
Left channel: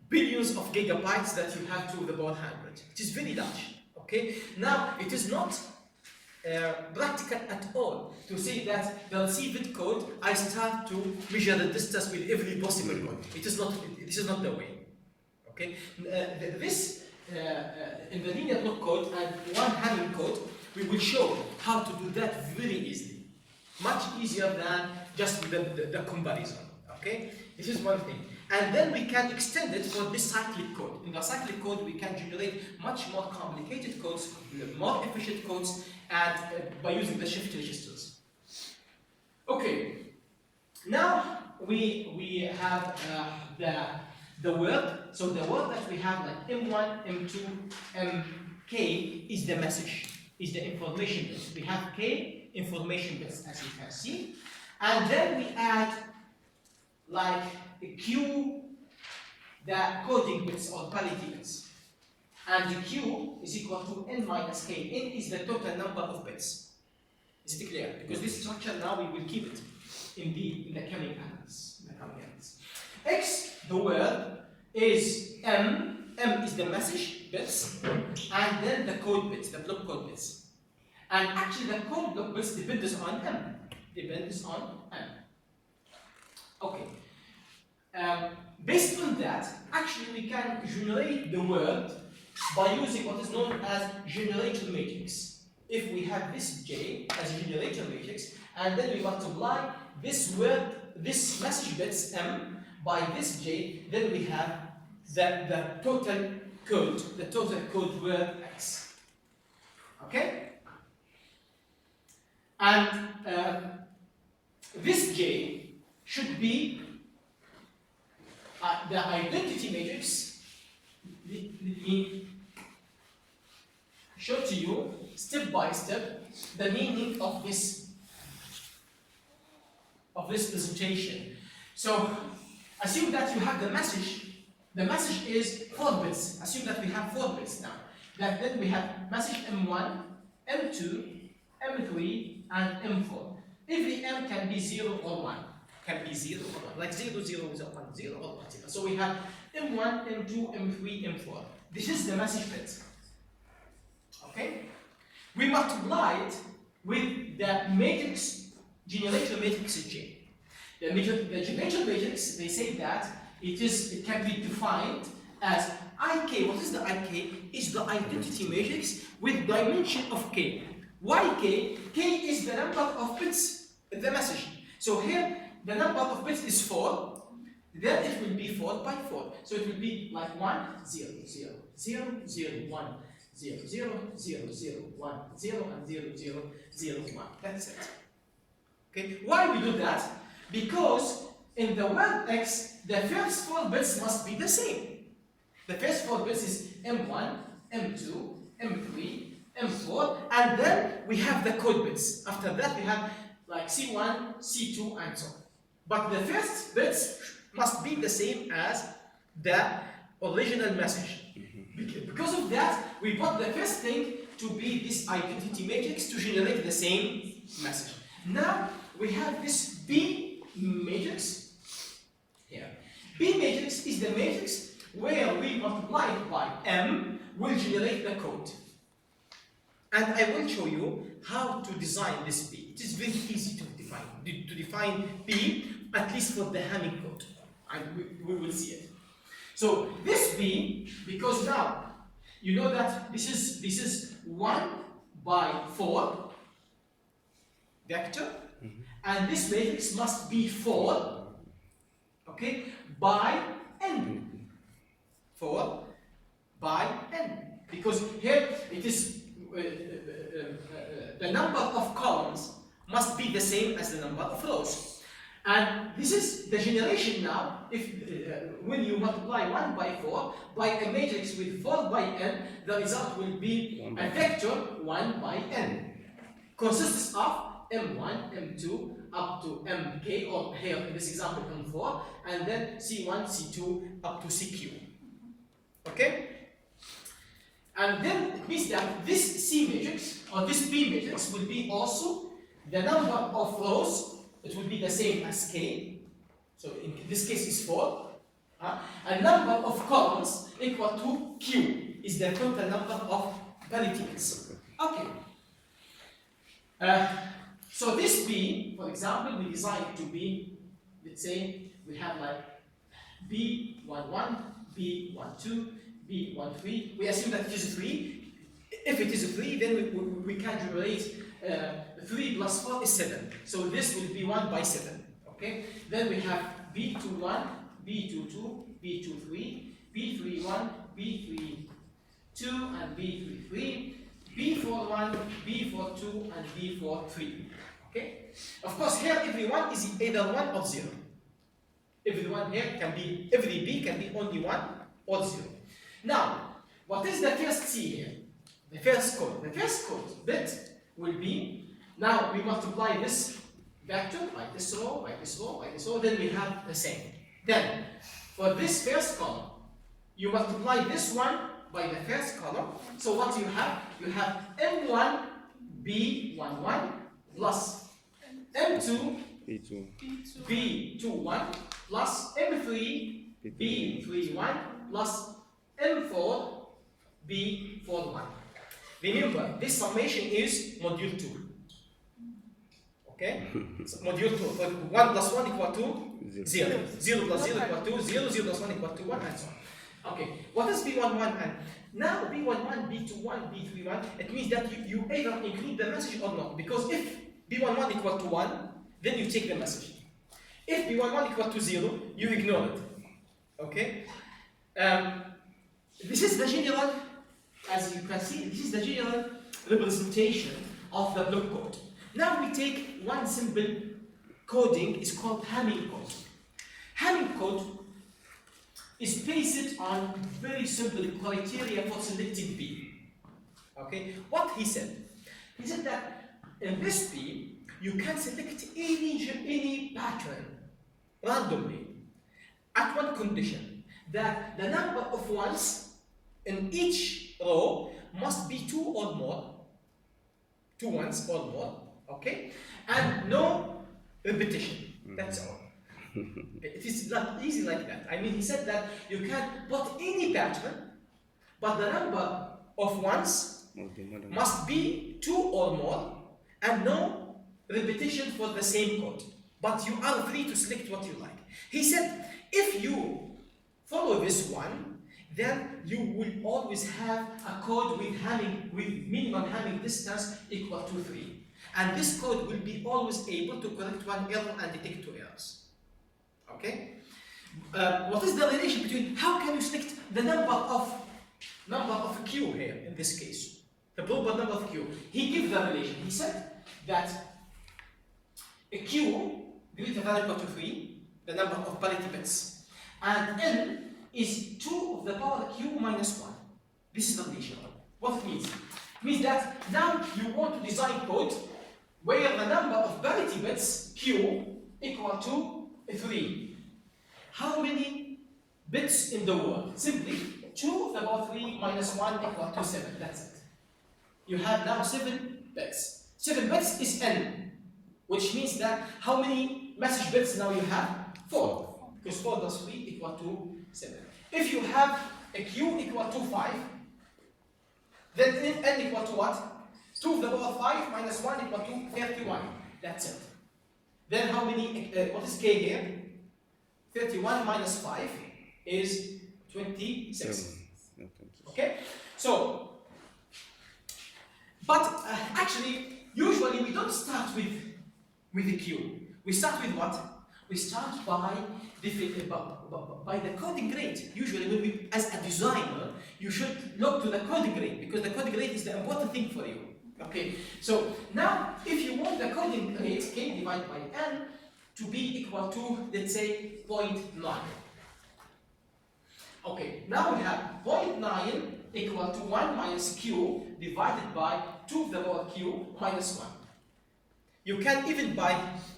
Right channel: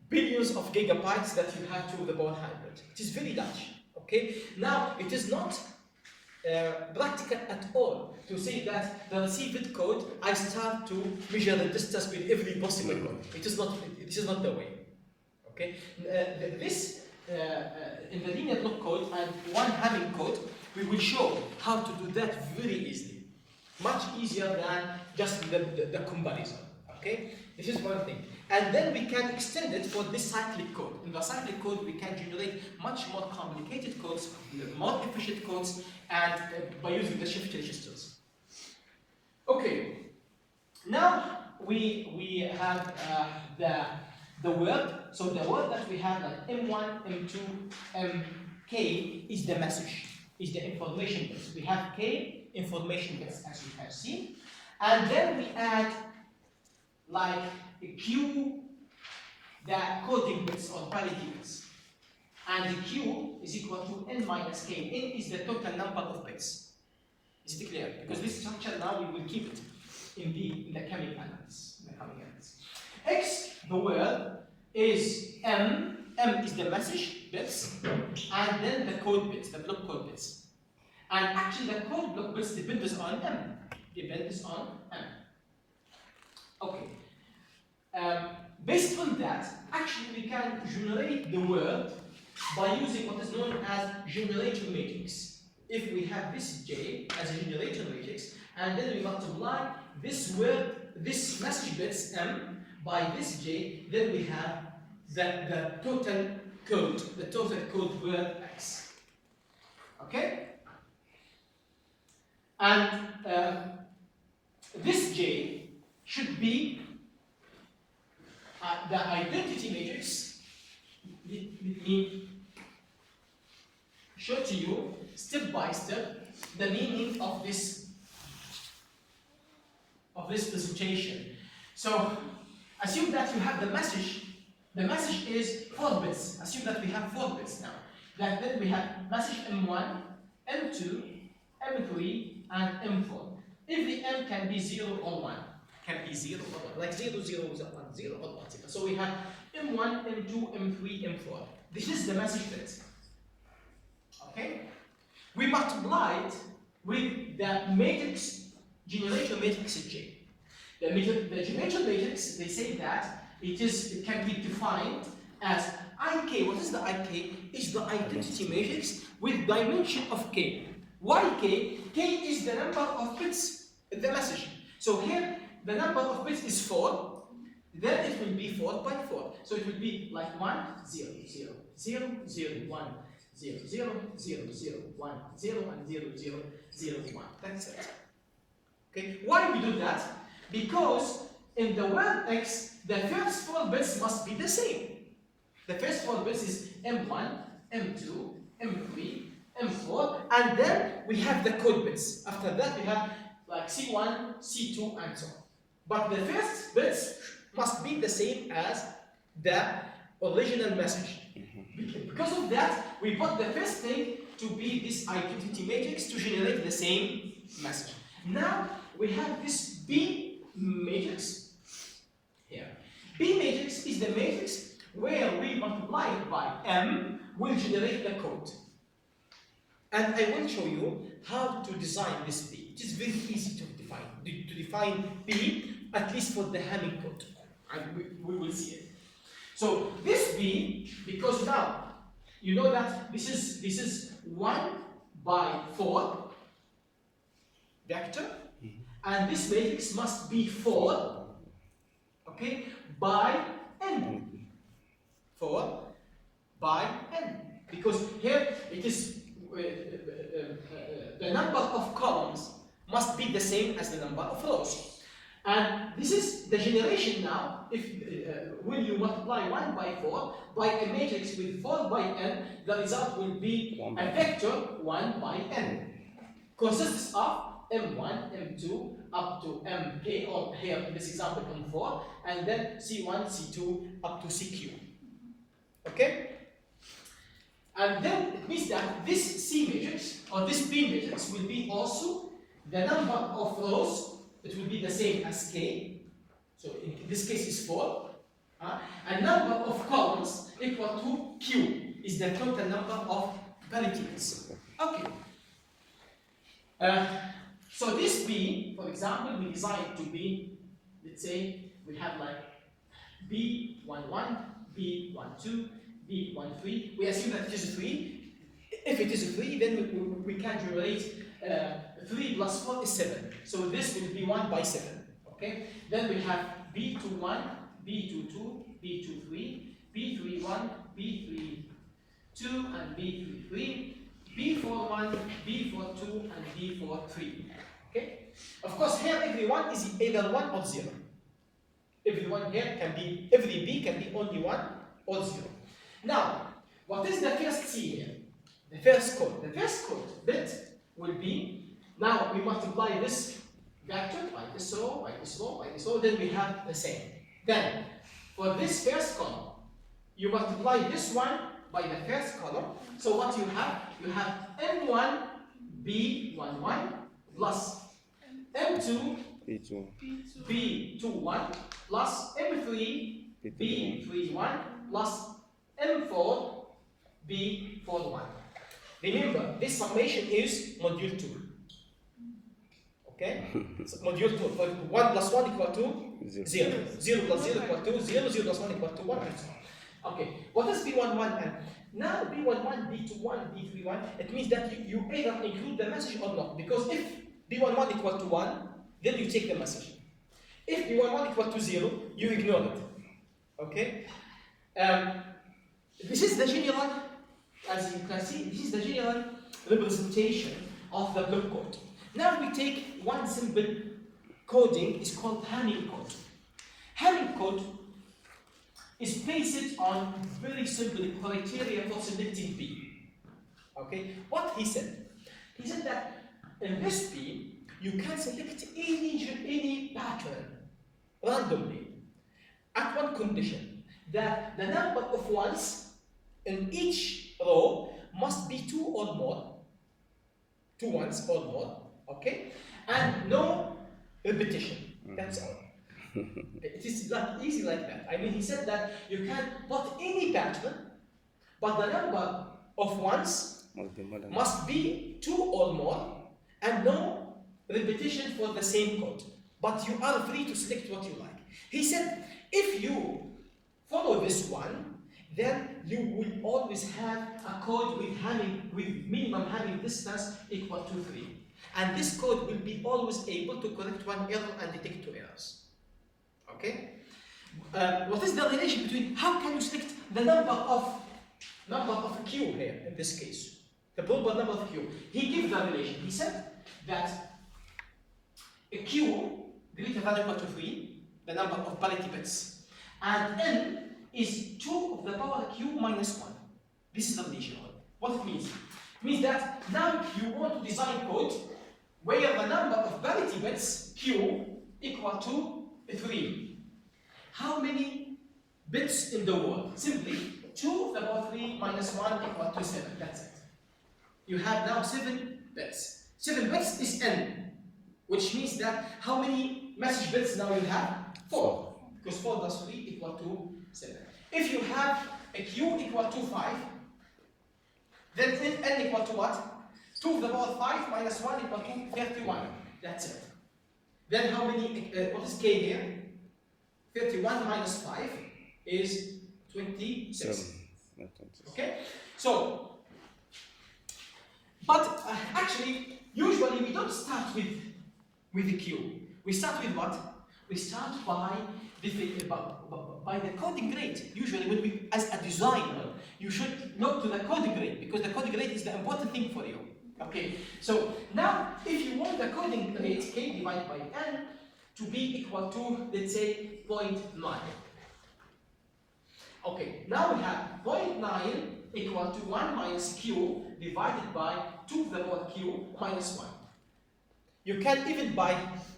billions of gigabytes that you have 2 to the power 100? It is very large. Okay. Now it is not practical at all to say that the received code I start to measure the distance with every possible code. It is not. This is not the way. Okay. This in the linear block code and one Hamming code, we will show how to do that very easily, much easier than just the comparison. Okay. This is one thing. And then we can extend it for this cyclic code. In the cyclic code, we can generate much more complicated codes, more efficient codes, and by using the shift registers. Okay. Now we have the word. So the word that we have, like M1, M2, Mk, is the message, is the information bits. We have K information bits, as you can see, and then we add like the Q, the coding bits or parity bits. And the Q is equal to n minus k. N is the total number of bits. Is it clear? Because this structure now we will keep it in the coming analysis. X, the word, is M. M is the message bits, and then the code bits, the block code bits. And actually, the code block bits depends on M. Depends on M. Okay. Based on that, actually, we can generate the word by using what is known as generator matrix. If we have this J as a generator matrix, and then we multiply this word, this message bits M by this J, then we have the total code word X. Okay? And this J should be the identity matrix. Let me show to you step by step the meaning of this presentation. So assume that you have the message. The message is 4 bits. Assume that we have 4 bits now. Then we have message M1, M2, M3, and M4. Every M can be 0 or 1. Can be 0 or 1. Like 0, 0, 1, 0 or 1. So we have M1, M2, M3, M4. This is the message bit. Okay? We multiply it with the matrix, generator matrix J. The generator matrix, they say that it can be defined as IK. What is the IK? Is the identity matrix with dimension of K. Why K? K is the number of bits in the message. So here, the number of bits is 4. Then it will be 4 by 4. So it will be like 1, 0, 0, 0, 0, 1, 0, 0, 0, 0, 1, 0, and 0, 0, 0, 1. That's it. Okay? Why we do that? Because in the word X, the first 4 bits must be the same. The first 4 bits is M1, M2, M3, M4, and then we have the code bits. After that, we have like C1, C2, and so on. But the first bits must be the same as the original message. Because of that, we put the first thing to be this identity matrix to generate the same message. Now we have this B matrix here. B matrix is the matrix where we multiply it by M will generate the code. And I will show you how to design this B. It is very easy to define B, at least for the Hamming code. And we will see it. So this B, because now you know that this is 1 by 4 vector, and this matrix must be 4, okay, by n. 4 by n, because here it is the number of columns must be the same as the number of rows. And this is the generation now. If when you multiply 1 by 4 by a matrix with 4 by n, the result will be a vector 1 by n. Consists of M1, M2 up to Mk, or here in this example M4, and then C1, C2 up to CQ. Okay? And then it means that this C matrix or this B matrix will be also the number of rows. It will be the same as K. So in this case is 4. And number of columns equal to Q is the total number of parity bits. Okay. So this B, for example, we design it to be, let's say, we have like B11, B12, B13. We assume that it is 3. If it is 3, then we can generate 3 plus 4 is 7. So this will be 1 by 7. Okay? Then we have B21, B22, B23, B31, B32, and B33, B41, B42, and B43. Okay? Of course, here every one is either 1 or 0. Everyone here can be, every B can be only 1 or 0. Now, what is the first C here? The first code. The first code bit will be, now we multiply this vector by this row, by this row, by this row, then we have the same. Then, for this first column, you multiply this one by the first column. So what you have? You have M1 B11 plus M2 B21 plus M3 B31 plus M4 B41. Remember, this summation is module 2. Okay? So module 2. 1 plus 1 equal to 0. 0 plus 0 equal to 0. 0 plus 1 equal to 1 and so on. Okay. What is B11 and now B11, B21, B31, it means that you either include the message or not. Because if B11 equal to 1, then you take the message. If B11 equal to 0, you ignore it. Okay? This is the general, as you can see, this is the general representation of the block code. Now we take one simple coding, it's called Hamming code. Hamming code is based on very simple criteria for selecting B. Okay? What he said? He said that in this B, you can select any pattern randomly at one condition, that the number of ones in each row must be 2 or more, 2 ones or more, okay? And no repetition, that's all. It is not easy like that. I mean, he said that you can put any pattern, but the number of ones must be 2 or more, and no repetition for the same code. But you are free to select what you like. He said, if you follow this one, then you will always have a code with minimum Hamming distance equal to 3. And this code will be always able to correct one error and detect 2 errors. Okay? What is the relation between, how can you select the number of Q here in this case? The proper number of Q. He gave the relation. He said that a Q greater than or equal to 3, the number of parity bits, and N is 2 of the power Q minus 1. This is the relation. What it means? It means that now you want to design code where the number of parity bits Q equal to 3. How many bits in the world? Simply 2 of the power 3 minus 1 equal to 7. That's it. You have now 7 bits. 7 bits is N, which means that how many message bits now you have? 4. Because 4 plus 3 equal to 7. If you have a Q equal to 5, then N equal to what? 2 to the power 5 minus 1 equal to 31. That's it. Then how many, what is K here? 31 minus 5 is 26. Okay? So, but actually, usually we don't start with the Q. We start with what? We start by the coding rate. Usually, when we, as a designer, you should look to the coding rate because the coding rate is the important thing for you. Okay. So now, if you want the coding rate K divided by N to be equal to, let's say, 0.9. Okay. Now we have 0.9 equal to 1 minus Q divided by 2 to the power Q minus 1. You can even by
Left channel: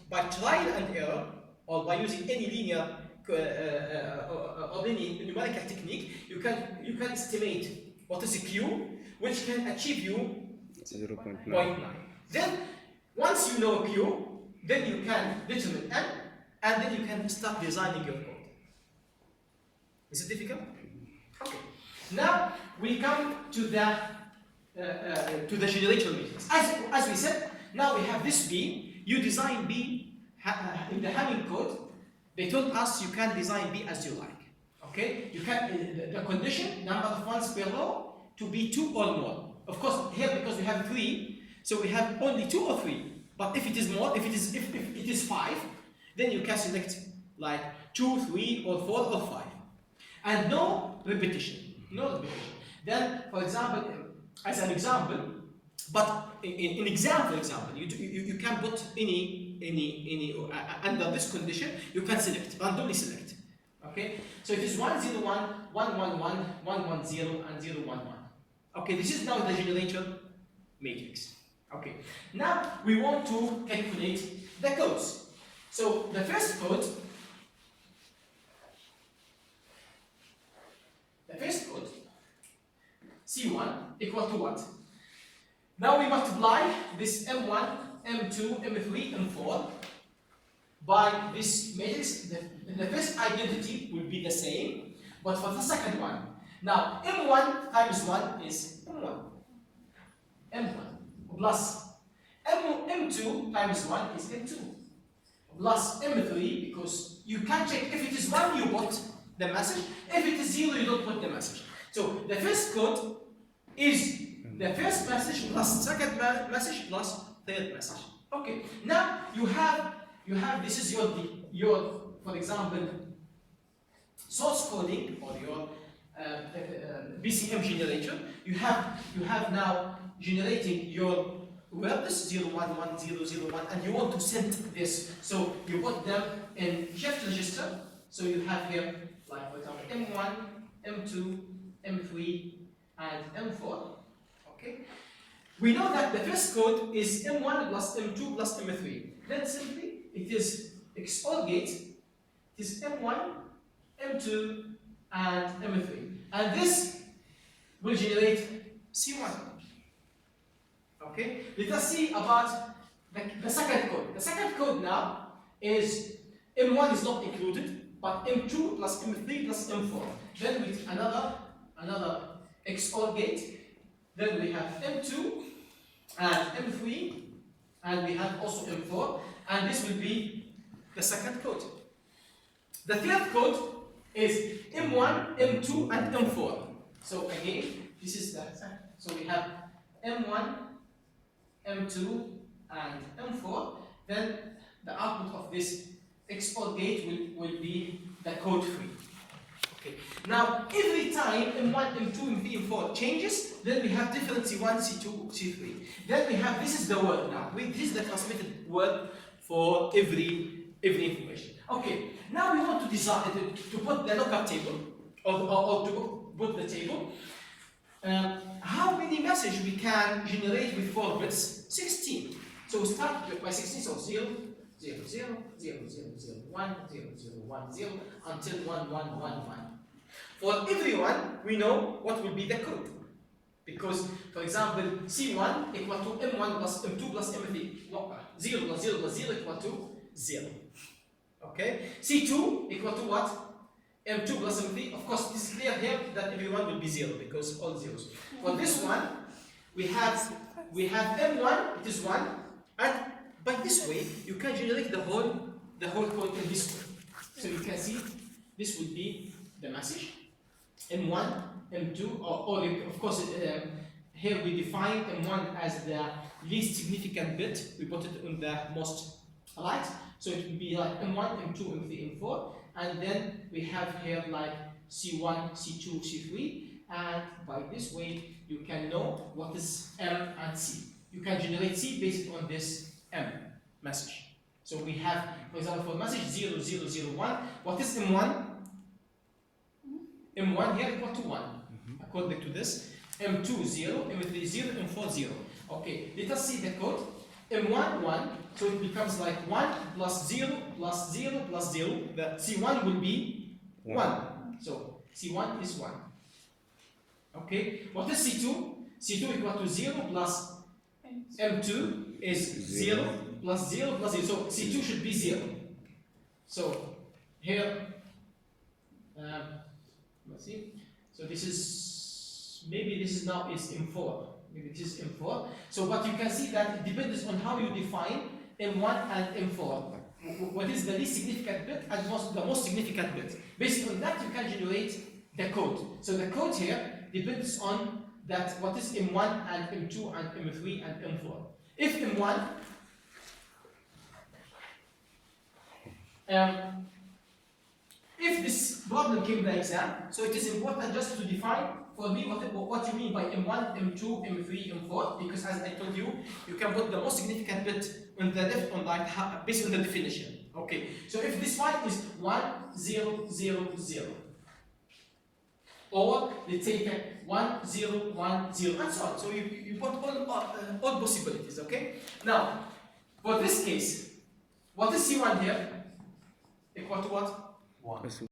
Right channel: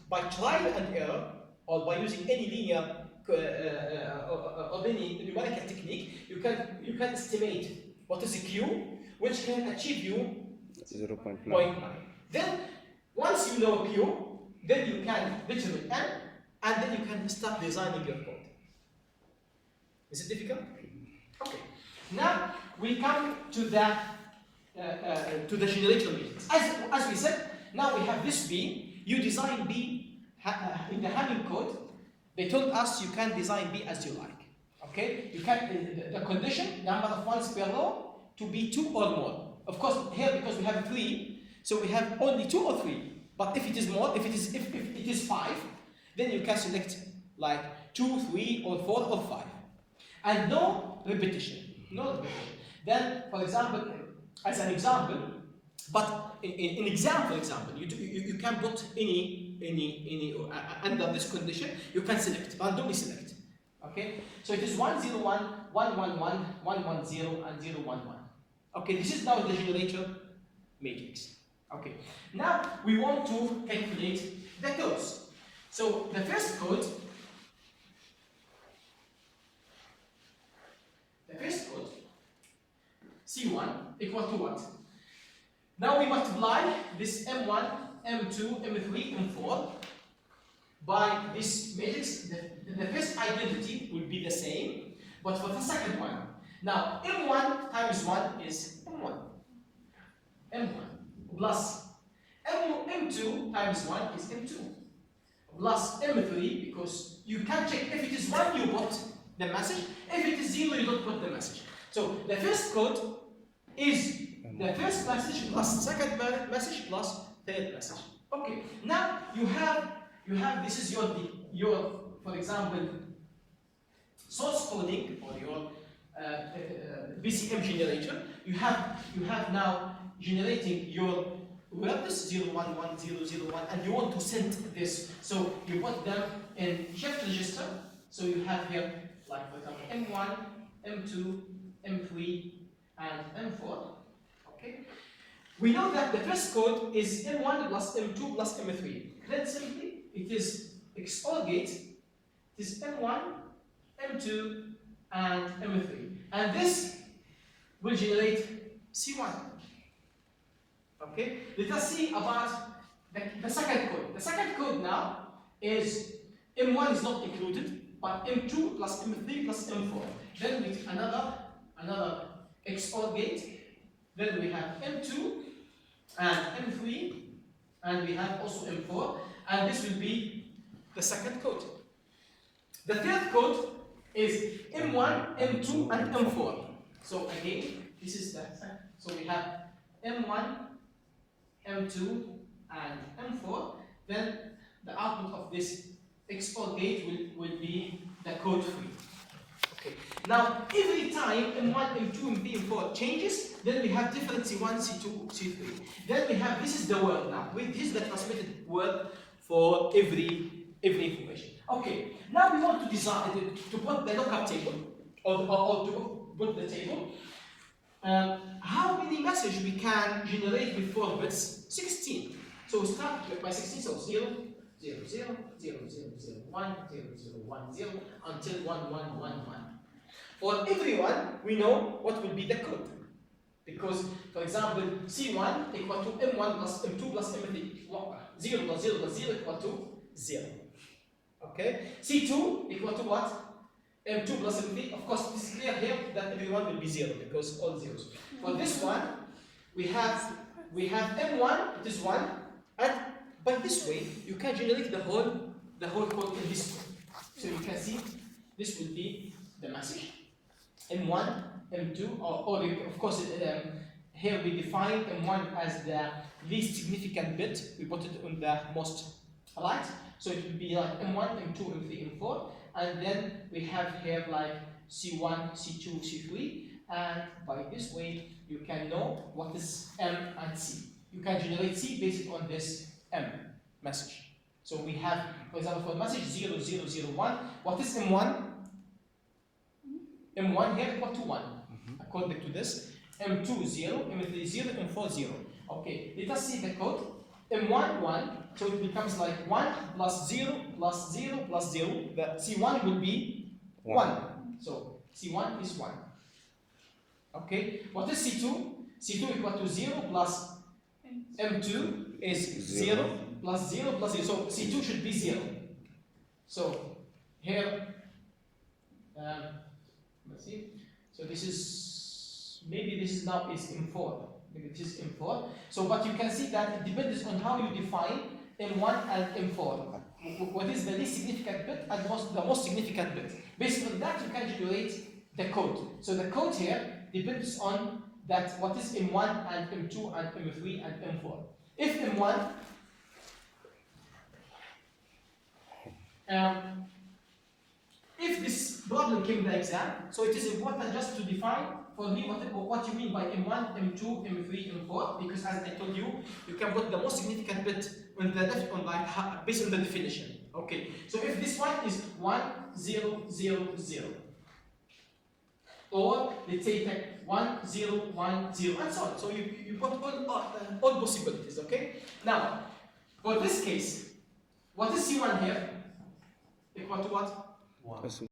trial and error or by using any linear or any numerical technique, you can estimate what is a Q, which can achieve you 0.9. Then once you know Q, then you can determine N, and then you can start designing your code. Is it difficult? Okay. Now we come to the generator matrix. As we said, now we have this B. You design B in the Hamming code. They told us you can design B as you like. Okay? You can the condition number of ones per row to be 2 or more. Of course, here because we have 3, so we have only 2 or 3. But if it is more, if it is 5, then you can select like 2, 3, or 4, or 5, and no repetition. No repetition. Then, for example, as an example, but in example, you can put any under this condition, you can select, randomly select. Okay? So it is 101, 111, 110, and 011. Okay, this is now the generator matrix. Okay. Now we want to calculate the codes. So the first code, C1 equal to what? Now we multiply this M1, M2, M3, M4 by this matrix, the first identity will be the same, but for the second one. Now, M1 times 1 is M1. M1 plus M2 times 1 is M2 plus M3, because you can check if it is 1 you put the message, if it is 0 you don't put the message. So the first code is the first message plus second message plus third message. Okay, now you have this is your for example source coding or your BCM generator. You have now generating your words 0, 1, 1, 0, 0, 1, and you want to send this. So you put them in shift register. So you have here, like for example, M1, M2, M3, and M4. Okay. We know that the first code is M1 plus M2 plus M3. Then simply it is XOR gate. It is M1, M2, and M3. And this will generate C1. Okay? Let us see about the second code. The second code now is M1 is not included, but M2 plus M3 plus M4. Then with another XOR gate. Then we have M2 and M3, and we have also M4, and this will be the second code. The third code is M1, M2, and M4. So again, this is the so we have M1, M2, and M4. Then the output of this XOR gate will be the code 3. Okay. Now every time M1, M2, M3, M4 changes, then we have different C1, C2, C3. Then we have this is the word now. This is the transmitted word for every information. Okay. Now we want to design to put the lookup table or to put the table. How many messages we can generate with 4 bits? 16. So we start by 16. So 0, 0, 0, 0, 0, 0, 1, 0, 0, 1, 0 until 1, 1, 1, 1. For everyone, we know what will be the code. Because, for example, C1 equal to M1 plus M2 plus M3. 0 plus 0 plus 0 equal to 0. Okay? C2 equal to what? M2 plus M3. Of course, this is clear here that everyone will be 0 because all zeros. For this one, we have M1, it is 1, and by this way, you can generate the whole code in this way. So you can see this will be the message. M1, M2, or of course, here we define M1 as the least significant bit. We put it on the most light. So it will be like M1, M2, M3, M4. And then we have here like C1, C2, C3. And by this way, you can know what is M and C. You can generate C based on this M message. So we have, for example, for message 0001, what is M1? M1 here equal to 1, according to this. M2 0, M3 0, M4 0. Okay, let us see the code. M1 1, so it becomes like 1 plus 0 plus 0 plus 0. The C1 will be 1. So C1 is 1. Okay, what is C2? C2 equal to 0 plus M2 is 0 plus 0 plus 0. So C2 should be 0. So here, let's see. So this is, maybe this is now is M4. Maybe it is M4. So, but you can see that it depends on how you define M1 and M4. What is the least significant bit and the most significant bit? Based on that, you can generate the code. So the code here depends on that what is M1 and M2 and M3 and M4. If M1 if this problem came in the exam, so it is important just to define for me what you mean by M1, M2, M3, M4, because as I told you, you can put the most significant bit on the left on like based on the definition. Okay, so if this one is 1, 0, 0, 0, or let's say 1, 0, 1, 0, and so on. So you put all possibilities. Okay. Now, for this case, what is C1 here? Equal to what? 1.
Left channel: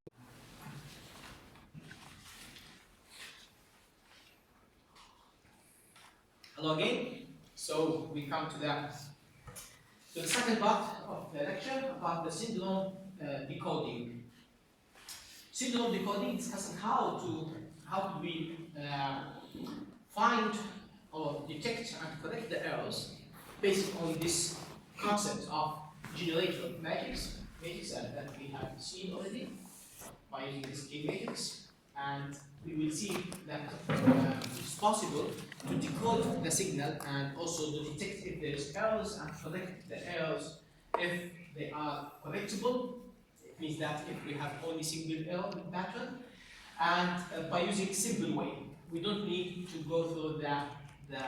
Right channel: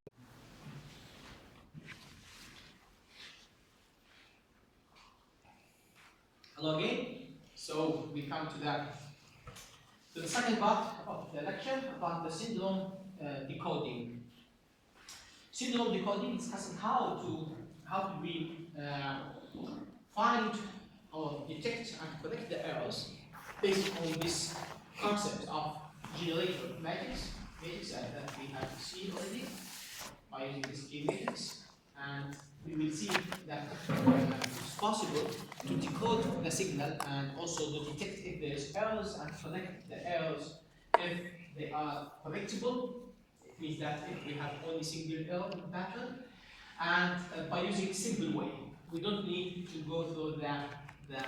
Hello again. So we come to to the second part of the lecture about the syndrome decoding. Syndrome decoding discussing how do we find or detect and correct the errors based on this concept of generator matrix that we have seen already by using this G matrix, and we will see that it's possible to decode the signal and also to detect if there is errors and correct the errors if they are correctable. It means that if we have only single error pattern, and by using simple way, we don't need to go through the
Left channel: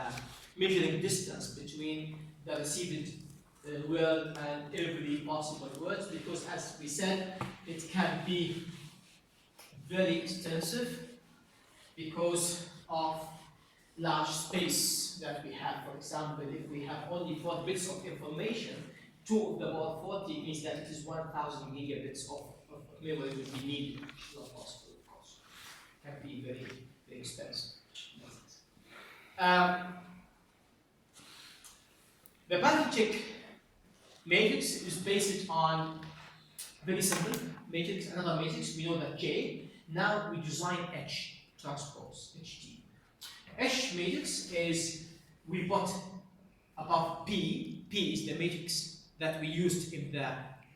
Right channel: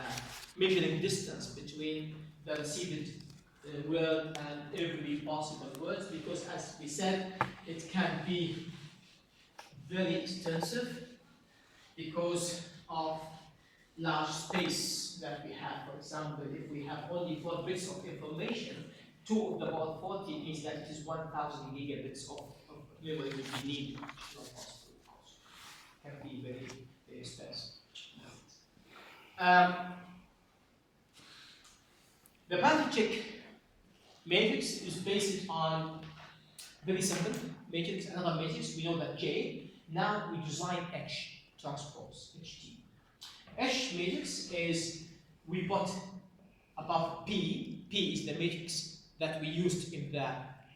measuring distance between the received word and every possible words, because as we said, it can be very extensive because of large space that we have. For example, if we have only 4 bits of information, 2 of the power 40 means that it is 1000 gigabits of memory which we need, which is not possible, of course. It can be very, very expensive. The Banachek matrix is based on very simple matrix, another matrix. We know that J. Now we design H transpose, HT. H matrix is, we put above P. P is the matrix that we used in the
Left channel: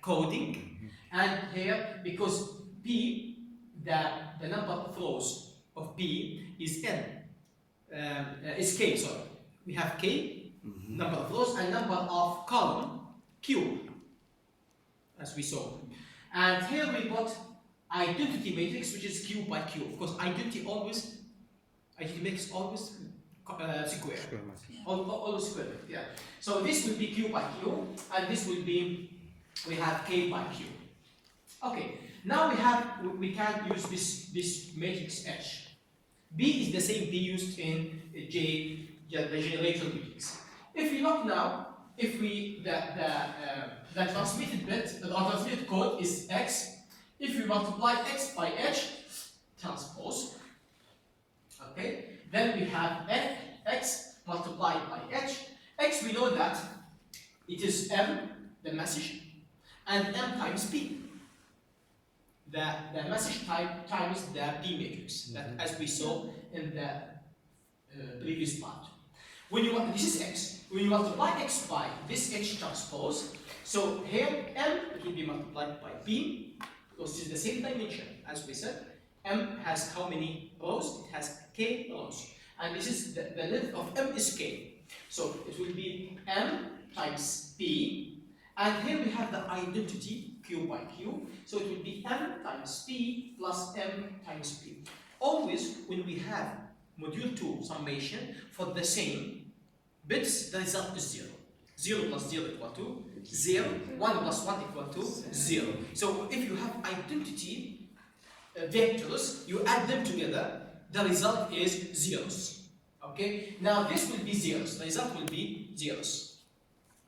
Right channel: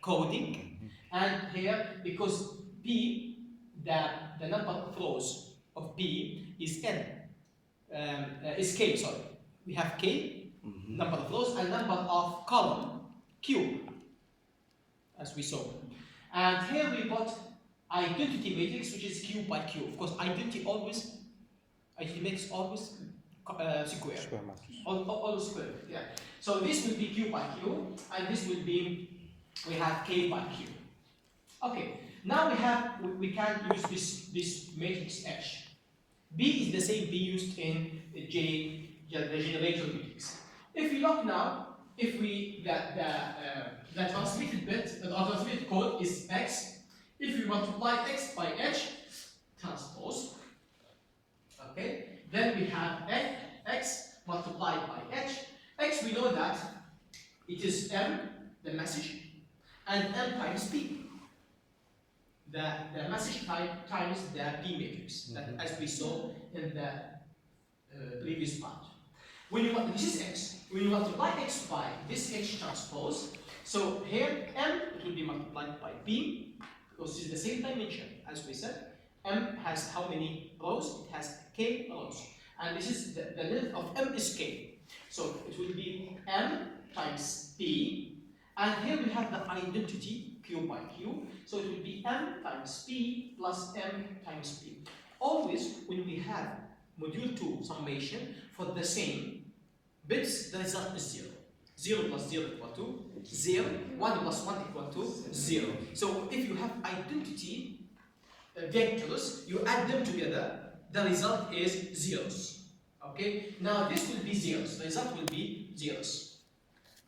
coding. And here, because P, the number of rows of P is N, is K, sorry. We have K, number of rows, and number of column, Q, as we saw. And here we put identity matrix, which is Q by Q. Of course, identity matrix always square. Always square, yeah. So this will be Q by Q, and this will be, we have K by Q. Okay, now we can use this matrix H. B is the same B used in J, the generator matrix. If we look now, if we the transmitted bit, the transmitted code is X. If we multiply X by H transpose, okay, then we have X multiplied by H. X, we know that it is M, the message, and M times P. The message type times the P matrix, that as we saw in the previous part. This is X. When you multiply X by this H transpose, so here M, it will be multiplied by P, because it is the same dimension as we said. M has how many rows? It has K rows. And this is the length of M is K. So it will be M times P. And here we have the identity Q by Q. So it will be M times P plus M times P. Always when we have module 2 summation for the same bits, the result is 0. 0 plus 0 equal to 0. 1 plus 1 equal to 0. So if you have identity vectors, you add them together, the result is zeros. Okay? Now this will be zeros. The result will be zeros.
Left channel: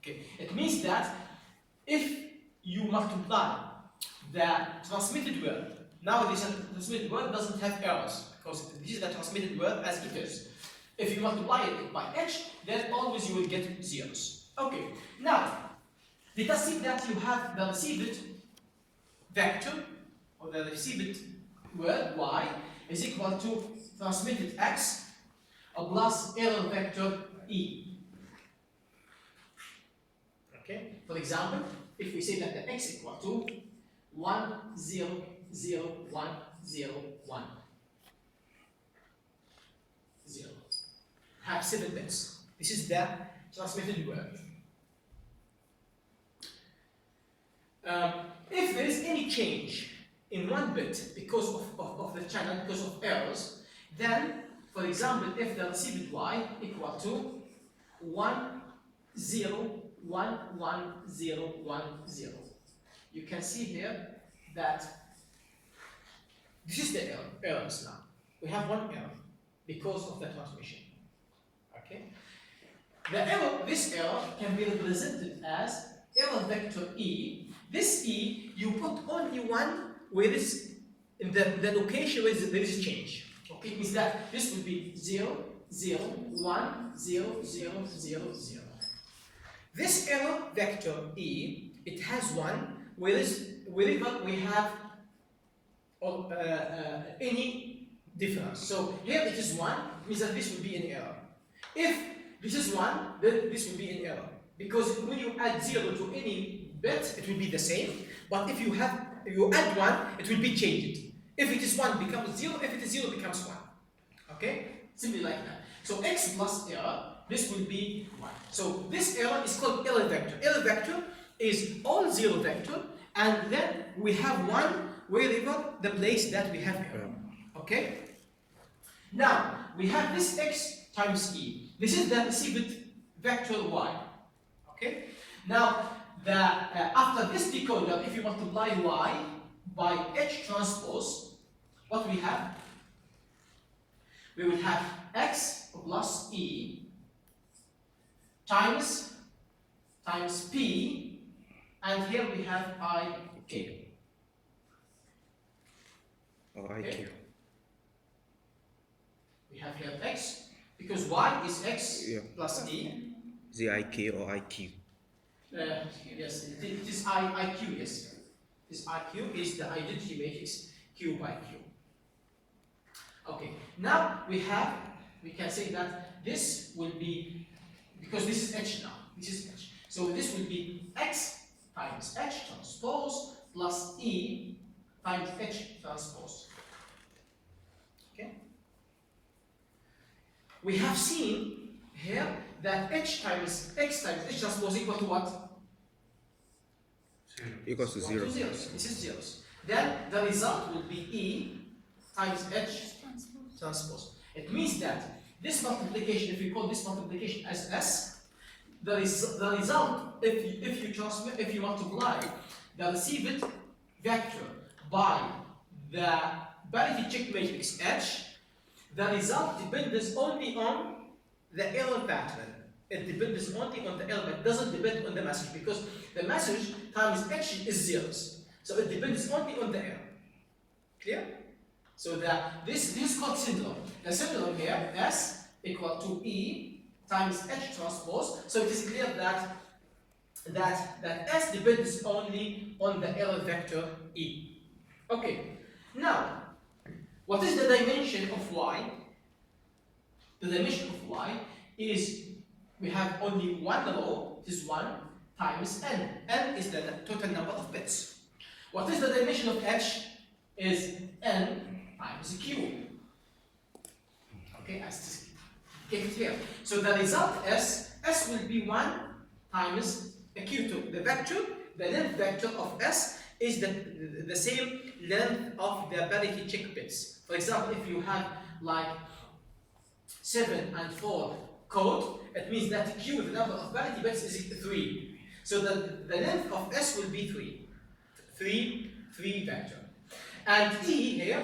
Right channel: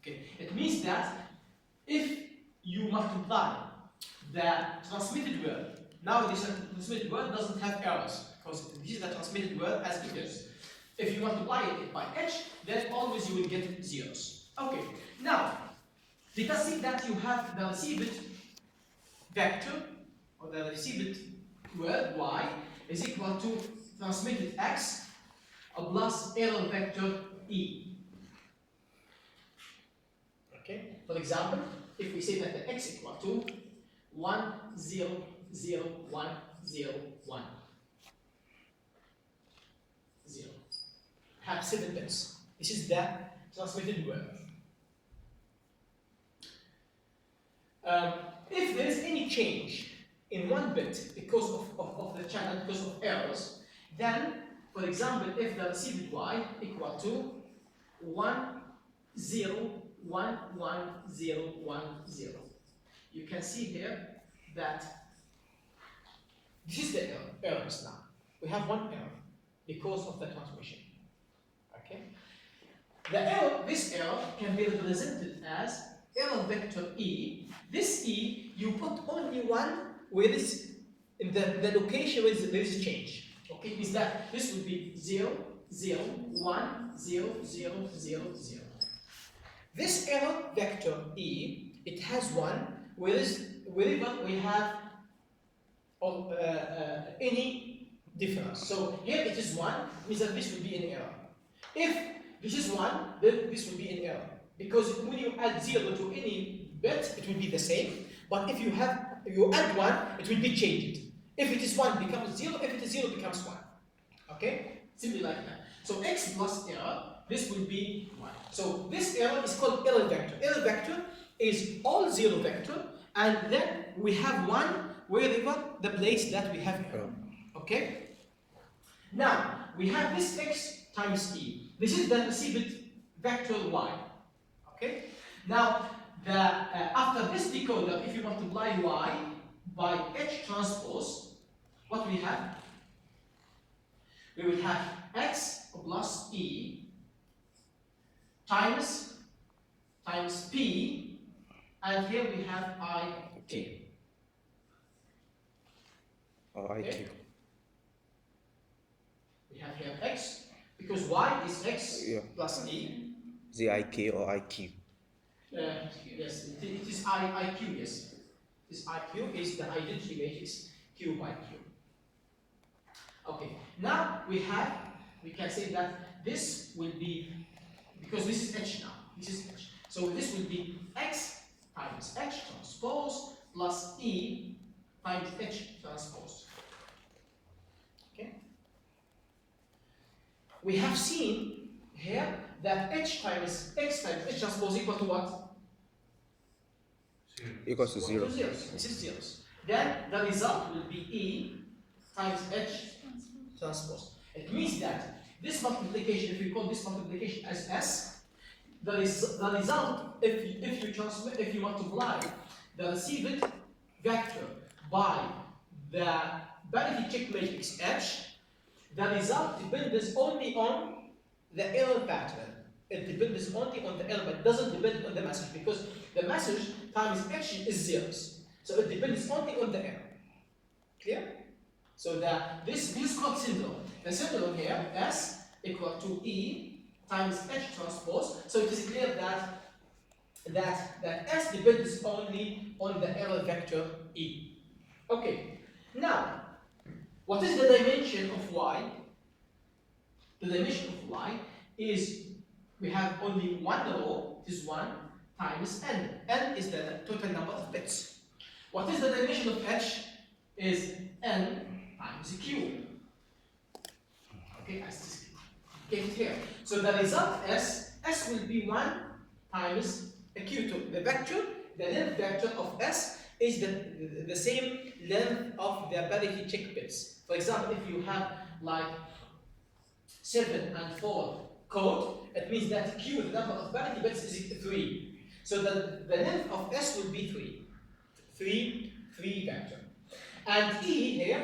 Okay? It means that if you multiply the transmitted word, now this transmitted word doesn't have errors, because this is the transmitted word as it is. If you multiply it by H, then always you will get zeros. Okay, now, let us see that you have the received vector, or the received word Y, is equal to transmitted X plus error vector E. Okay, for example, if we say that the X equal to 1, 0, 0, 1, 0, 1. 0. Have 7 bits. This is the transmitted word. If there is any change in 1 bit because of the channel, because of errors, then, for example, if the received Y equal to 1, 0, 1, 1, 0, 1, 0. You can see here that this is the errors now. We have 1 error because of the transmission. Okay? The error, this error can be represented as error vector E. This E, you put only 1 where this, in the location where there is change. Okay, it means that this would be 0, 0, 1, 0, 0, 0, 0. This error vector E, it has one, wherever we have any difference. So here it is 1, it means that this will be an error. If this is 1, then this will be an error. Because when you add 0 to any bit, it will be the same. But if you add 1, it will be changed. If it is 1, it becomes 0. If it is 0, it becomes 1. Okay? Simply like that. So x plus error, this will be 1. So this error is called error vector. Error vector is all 0 vector, and then we have 1 wherever the place that we have error. Okay? Now, we have this x times e. This is the received vector y. Okay? Now, after this decoder, if you multiply y by h transpose, what we have? We will have x plus e times p, and here we have I k. Or IQ. Okay. We have here x, because y is x plus e. Is it IK or IQ? Yes, it is IQ, yes. This IQ is the identity matrix Q by Q. Okay, now we can say that this will be, because this is H now, this is H. So this will be X times H transpose plus E times H transpose. Okay? We have seen here that H times X times H transpose equal to what? Equals to 0. Zeros. This is zeros. Then the result will be E times H transpose. It means that this multiplication, if we call this multiplication as S, the result, if you multiply the received vector by the parity check matrix H, the result depends only on the error pattern. It depends only on the element. It doesn't depend on the message, because the message times H is zeros. So it depends only on the error. Clear? So this is called syndrome. The syndrome here, S equal to E times H transpose. So it is clear that S depends only on the error vector E. Okay. Now, what is the dimension of Y? The dimension of Y is, we have only one row, it is 1 times n. N is the total number of bits. What is the dimension of H? Is n times q. Okay, as get it here. So the result S will be 1 times a q2. The vector, the length vector of S is the same length of the parity check bits. For example, if you have like 7 and 4 code, it means that q, the number of parity bits, is 3. So the length of S will be 3 vector. And E here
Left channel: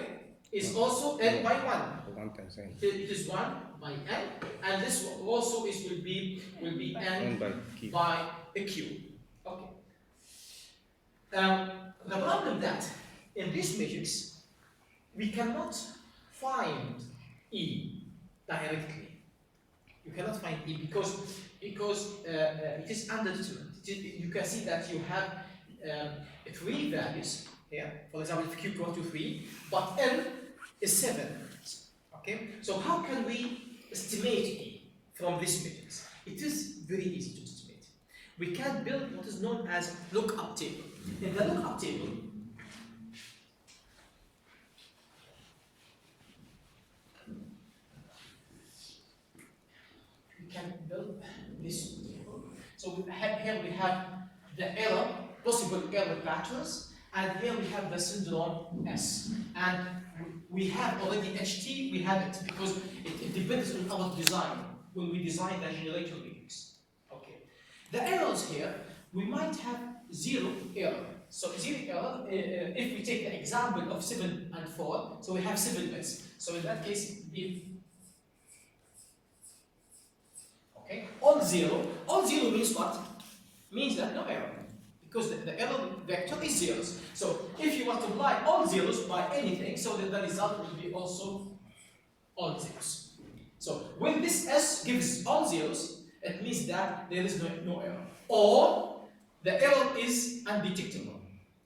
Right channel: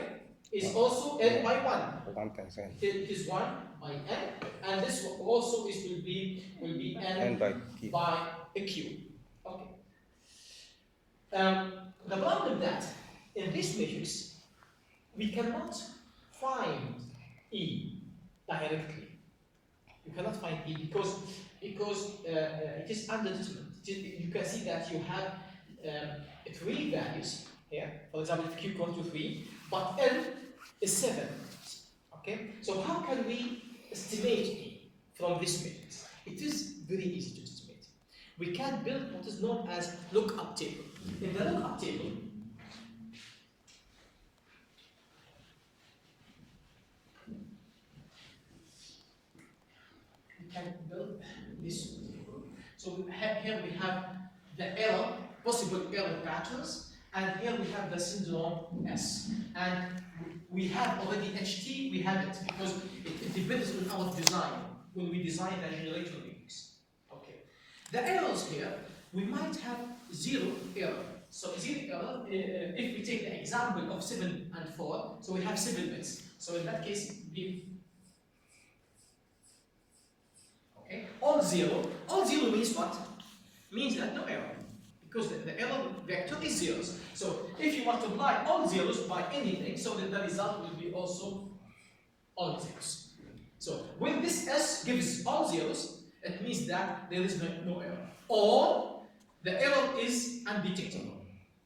is also n by 1. 1 times n. It is 1 by n, and this also will be n by a q. Okay. The problem that in this matrix we cannot find E directly. You cannot find E because it is undetermined. You can see that you have 3 values here. For example, if q equals to 3, but n is 7. Okay. So how can we estimate E from this matrix? It is very easy to estimate. We can build what is known as lookup table. In the lookup table, can build this table. So here we have the error, possible error patterns, and here we have the syndrome S. And we have already HT, we have it because it depends on our design when we design the generator matrix. Okay. The errors here, we might have 0 error. So 0 error, if we take the example of 7 and 4, so we have 7 bits. So in that case, if all zero means what? Means that no error. Because the error vector is zeros. So if you multiply all zeros by anything, so that the result will be also all zeros. So when this S gives all zeros, it means that there is no error. or the error is undetectable.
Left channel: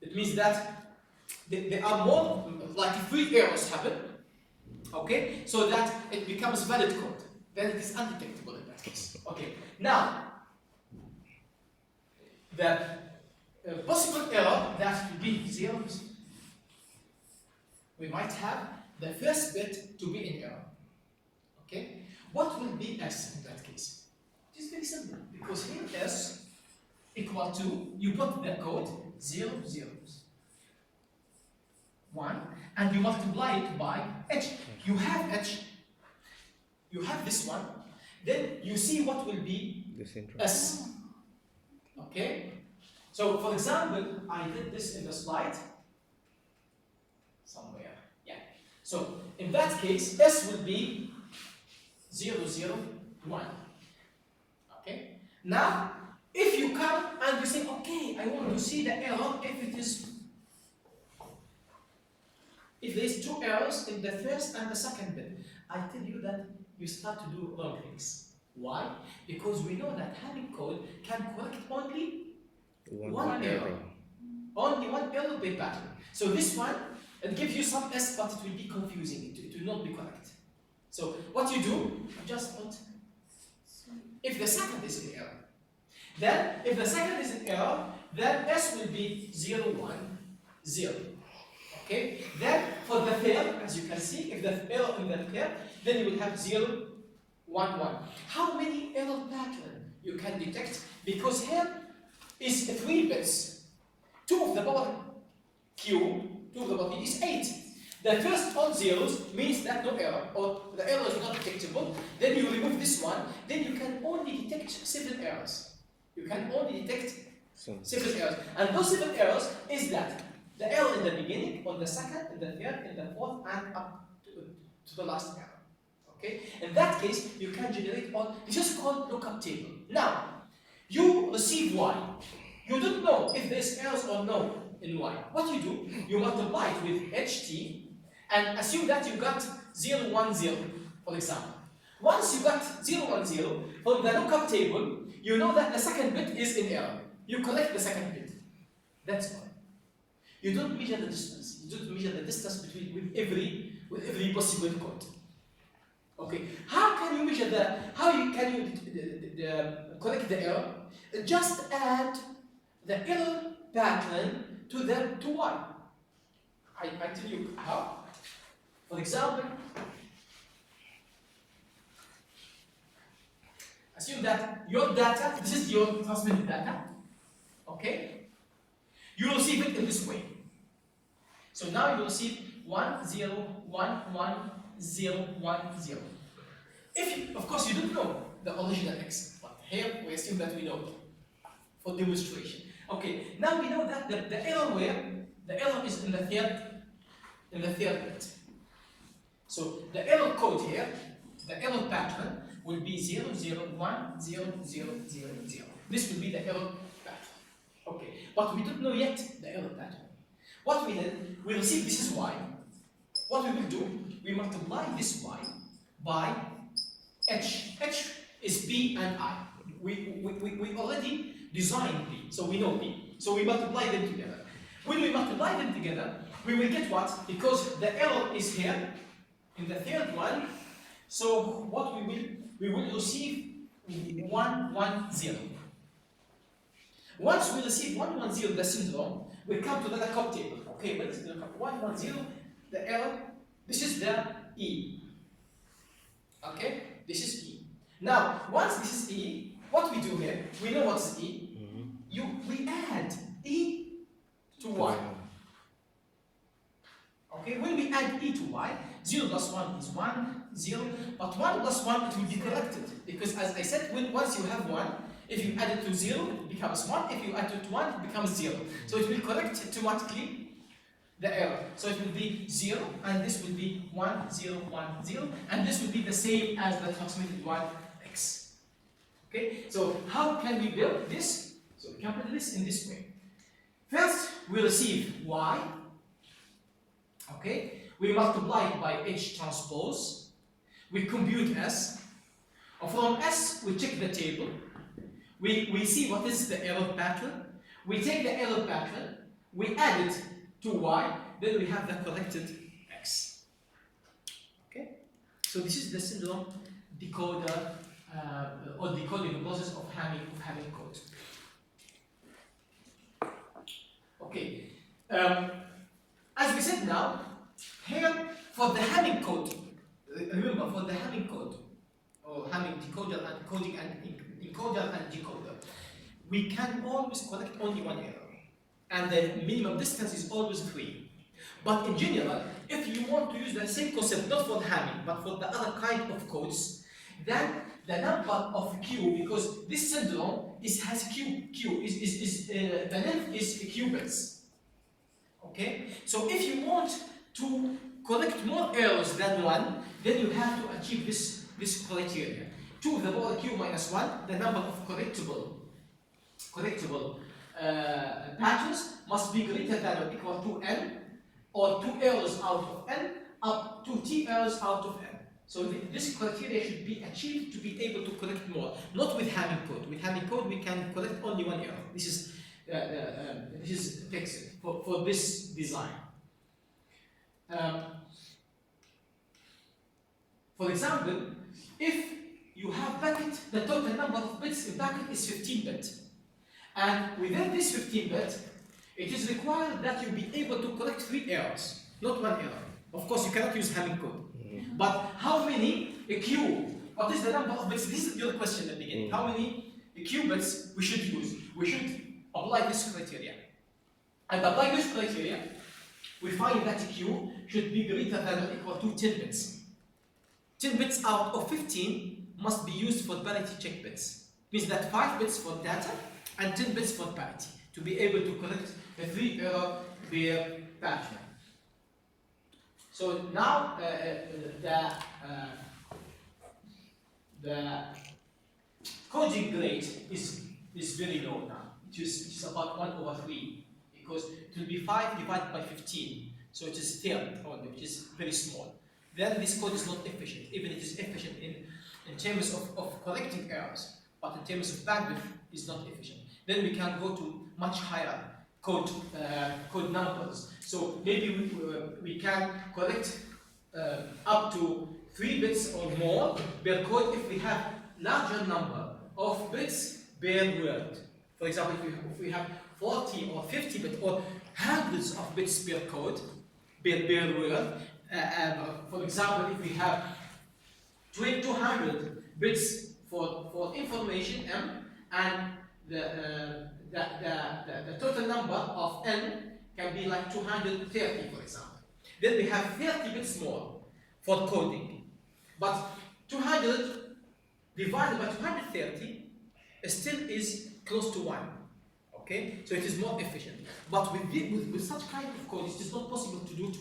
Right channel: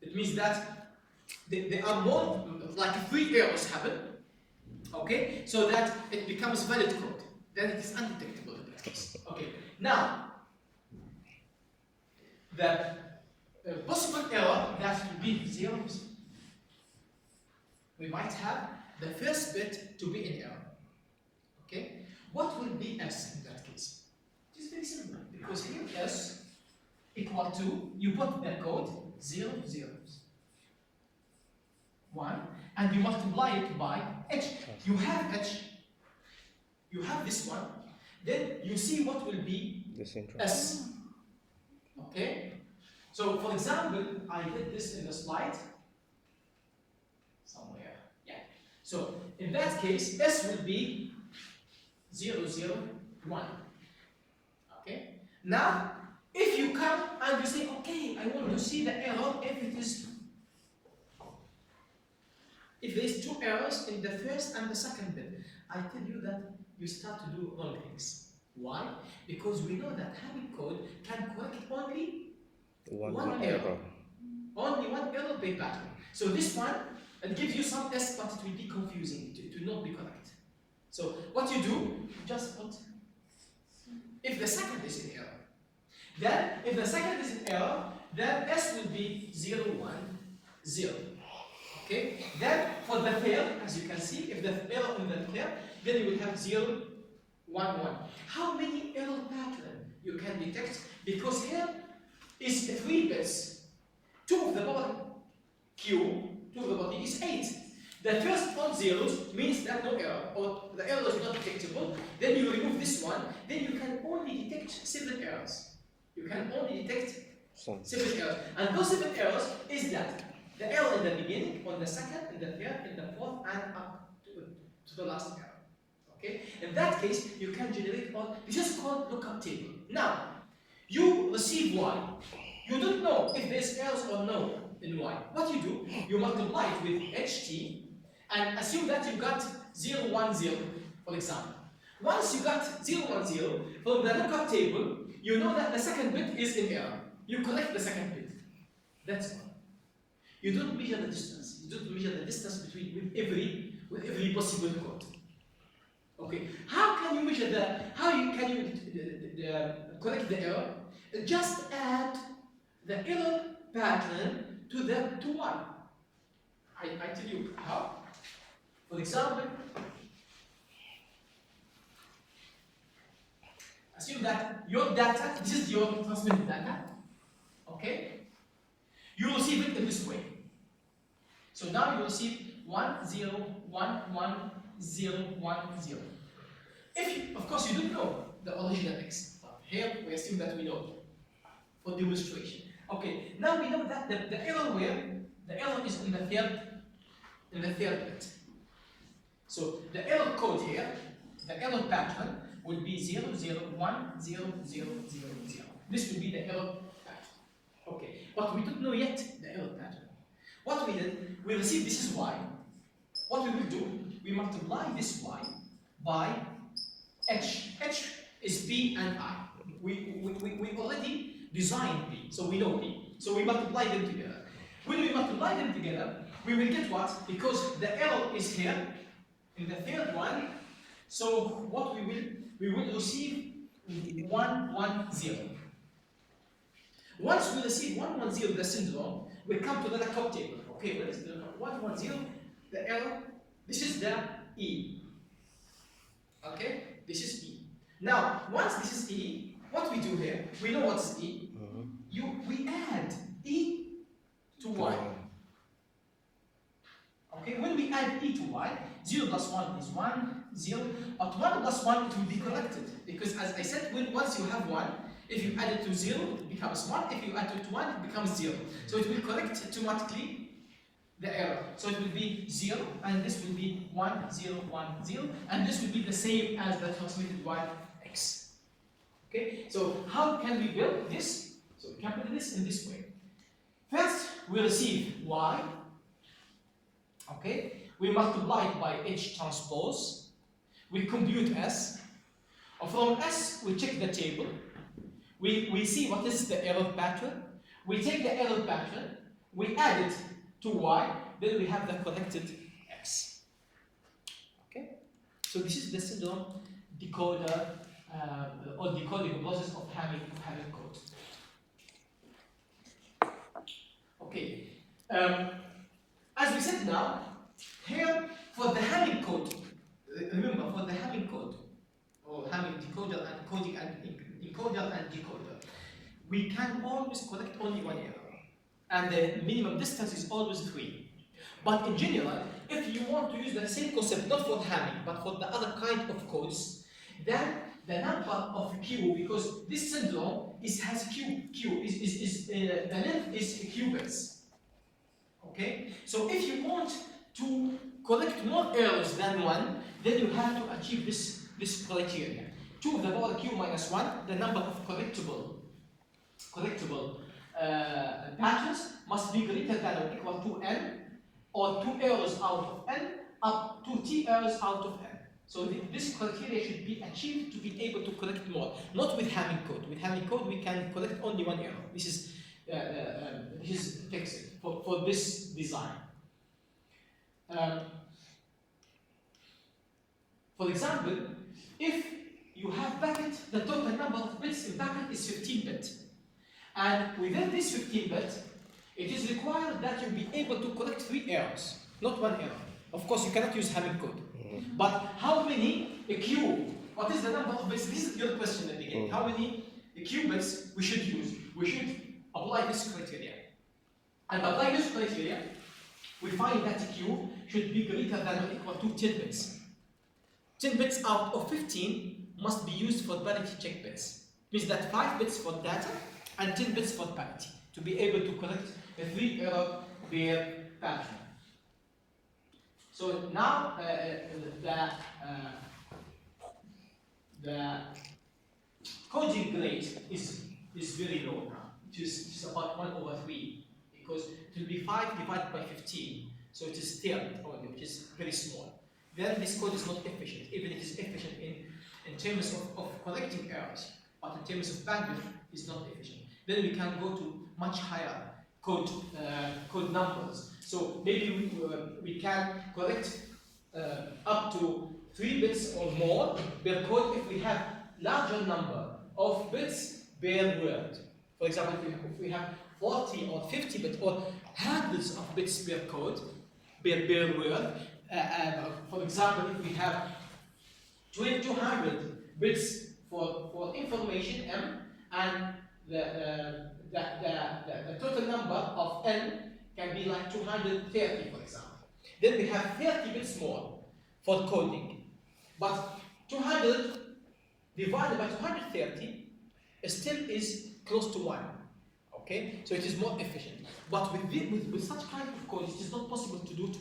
It means that there are more, like 3 errors happen, okay, so that it becomes valid code. Then it is undetectable in that case. Okay, now the possible error that will be 0, we might have the first bit to be in error. Okay, what will be S in that case? It is very simple, because here S equal to, you put the code 0, 0, 1, and you multiply it by H. You have H, you have this one, then you see what will be S. Okay? So, for example, I did this in the slide somewhere. Yeah. So, in that case, S will be 0, 0, 1. Okay? Now, if you come and you say, okay, I want to see the error if there is 2 errors in the first and the second bit, I tell you that you start to do wrong things. Why? Because we know that having code can correct only one error. Only one error per pattern. So this one, it gives you some S, but it will be confusing. It will not be correct. So what you do, you just put, if the second is in error, then if the second is in error, then S will be 0, 1, 0. Okay? Then for the third, as you can see, if the error in the third, then you will have 0, 1, 1. How many error patterns you can detect? Because here is 3 bits. 2 of the power Q, 2 of the power T is 8. The first all zeros means that no error, or the error is not detectable. Then you remove this one, then you can only detect 7 errors. You can only detect 7 errors. And those 7 errors is that the error in the beginning, on the second, in the third, in the fourth, and up to the last error. Okay? In that case, you can generate all, this is called lookup table. Now, you receive Y. You don't know if there's errors or no in Y. What you do, you multiply it with HT and assume that you got 0, 1, 0, for example. Once you got 0, 1, 0, from the lookup table, you know that the second bit is in error. You collect the second bit. That's all. You don't measure the distance. You don't measure the distance between with every possible code. Okay. How can you measure can you correct the error? Just add the error pattern to Y. I tell you how. For example, assume that your data, this is your transmitted data, okay? You receive it in this way. So now you receive 1, 0, 1, 1, 0, 1, 0. Of course, you don't know the original X, but here we assume that we know for demonstration. Okay, now we know that the error is in the third bit. So the error code here, the error pattern will be 0, 0, 1, 0, 0, 0, 0. This will be the error pattern. Okay, but we don't know yet the error pattern. What we did, we received this is Y. What we will do, we multiply this Y by H. H is P and I. We already designed P, so we know P. So we multiply them together. When we multiply them together, we will get what? Because the error is here in the third one. So what we will receive 1, 1, 0. Once we receive 1, 1, 0, the syndrome, we come to the lookup table. Okay, what is the lookup? 1, 1, 0, the error. This is the E. Okay, this is E. Now, once this is E, what we do here, we know what's E. We add E to Y. Okay, when we add E to Y, 0 plus 1 is 1, 0, but 1 plus 1 it will be corrected. Because as I said, once you have 1, if you add it to 0, it becomes 1. If you add it to 1, it becomes 0. So it will correct automatically the error. So it will be 0, and this will be 1, 0, 1, 0, and this will be the same as the transmitted Y X. Okay, so how can we build this? So we can build this in this way. First, we receive Y. Okay, we multiply it by H transpose. We compute S. And from S, we check the table. we see what is the error pattern. We take the error pattern, we add it to y, then we have the corrected x. Okay? So this is the syndrome decoder or decoding process of having code. Okay. As we said now, here for the Hamming code, remember for the Hamming code, or Hamming decoder and coding and encoder and decoder, we can always collect only one error. And the minimum distance is always 3. But in general, if you want to use the same concept, not for Hamming, but for the other kind of codes, then the number of Q, because this syndrome has the length is qubits. Okay? So if you want to collect more errors than 1, then you have to achieve this criteria. 2 to the power q minus 1, the number of correctable patterns must be greater than or equal to n, or 2 errors out of n, up to t errors out of n. So this criteria should be achieved to be able to collect more, not with Hamming code. With Hamming code, we can collect only 1 error. This is fixed for this design. For example, if you have packet, the total number of bits in packet is 15 bit. And within this 15 bit, it is required that you be able to collect 3 errors, not 1 error. Of course, you cannot use Hamming code. But how many Q? What is the number of bits? This is your question at the beginning. How many qubits we should use? We should apply this criteria. And apply this criteria, we find that Q should be greater than or equal to 10 bits. 10 bits out of 15 must be used for parity check bits. It means that 5 bits for data and 10 bits for parity to be able to correct a 3 error per pattern. So now the coding rate is very low now. It is about 1/3 because it will be 5 divided by 15. So it is 10 only, which is very small. Then this code is not efficient, even it is efficient in terms of correcting errors, but in terms of bandwidth is not efficient. Then we can go to much higher code numbers. So maybe we can correct up to 3 bits or more per code if we have larger number of bits per word. For example, if we have 40 or 50 bits or hundreds of bits per code, per word. For example, if we have 200 bits for information M, and the total number of N can be like 230, for example. Then we have 30 bits more for coding. But 200 divided by 230 still is close to 1. Okay? So it is more efficient. But with such kind of code, it is not possible to do it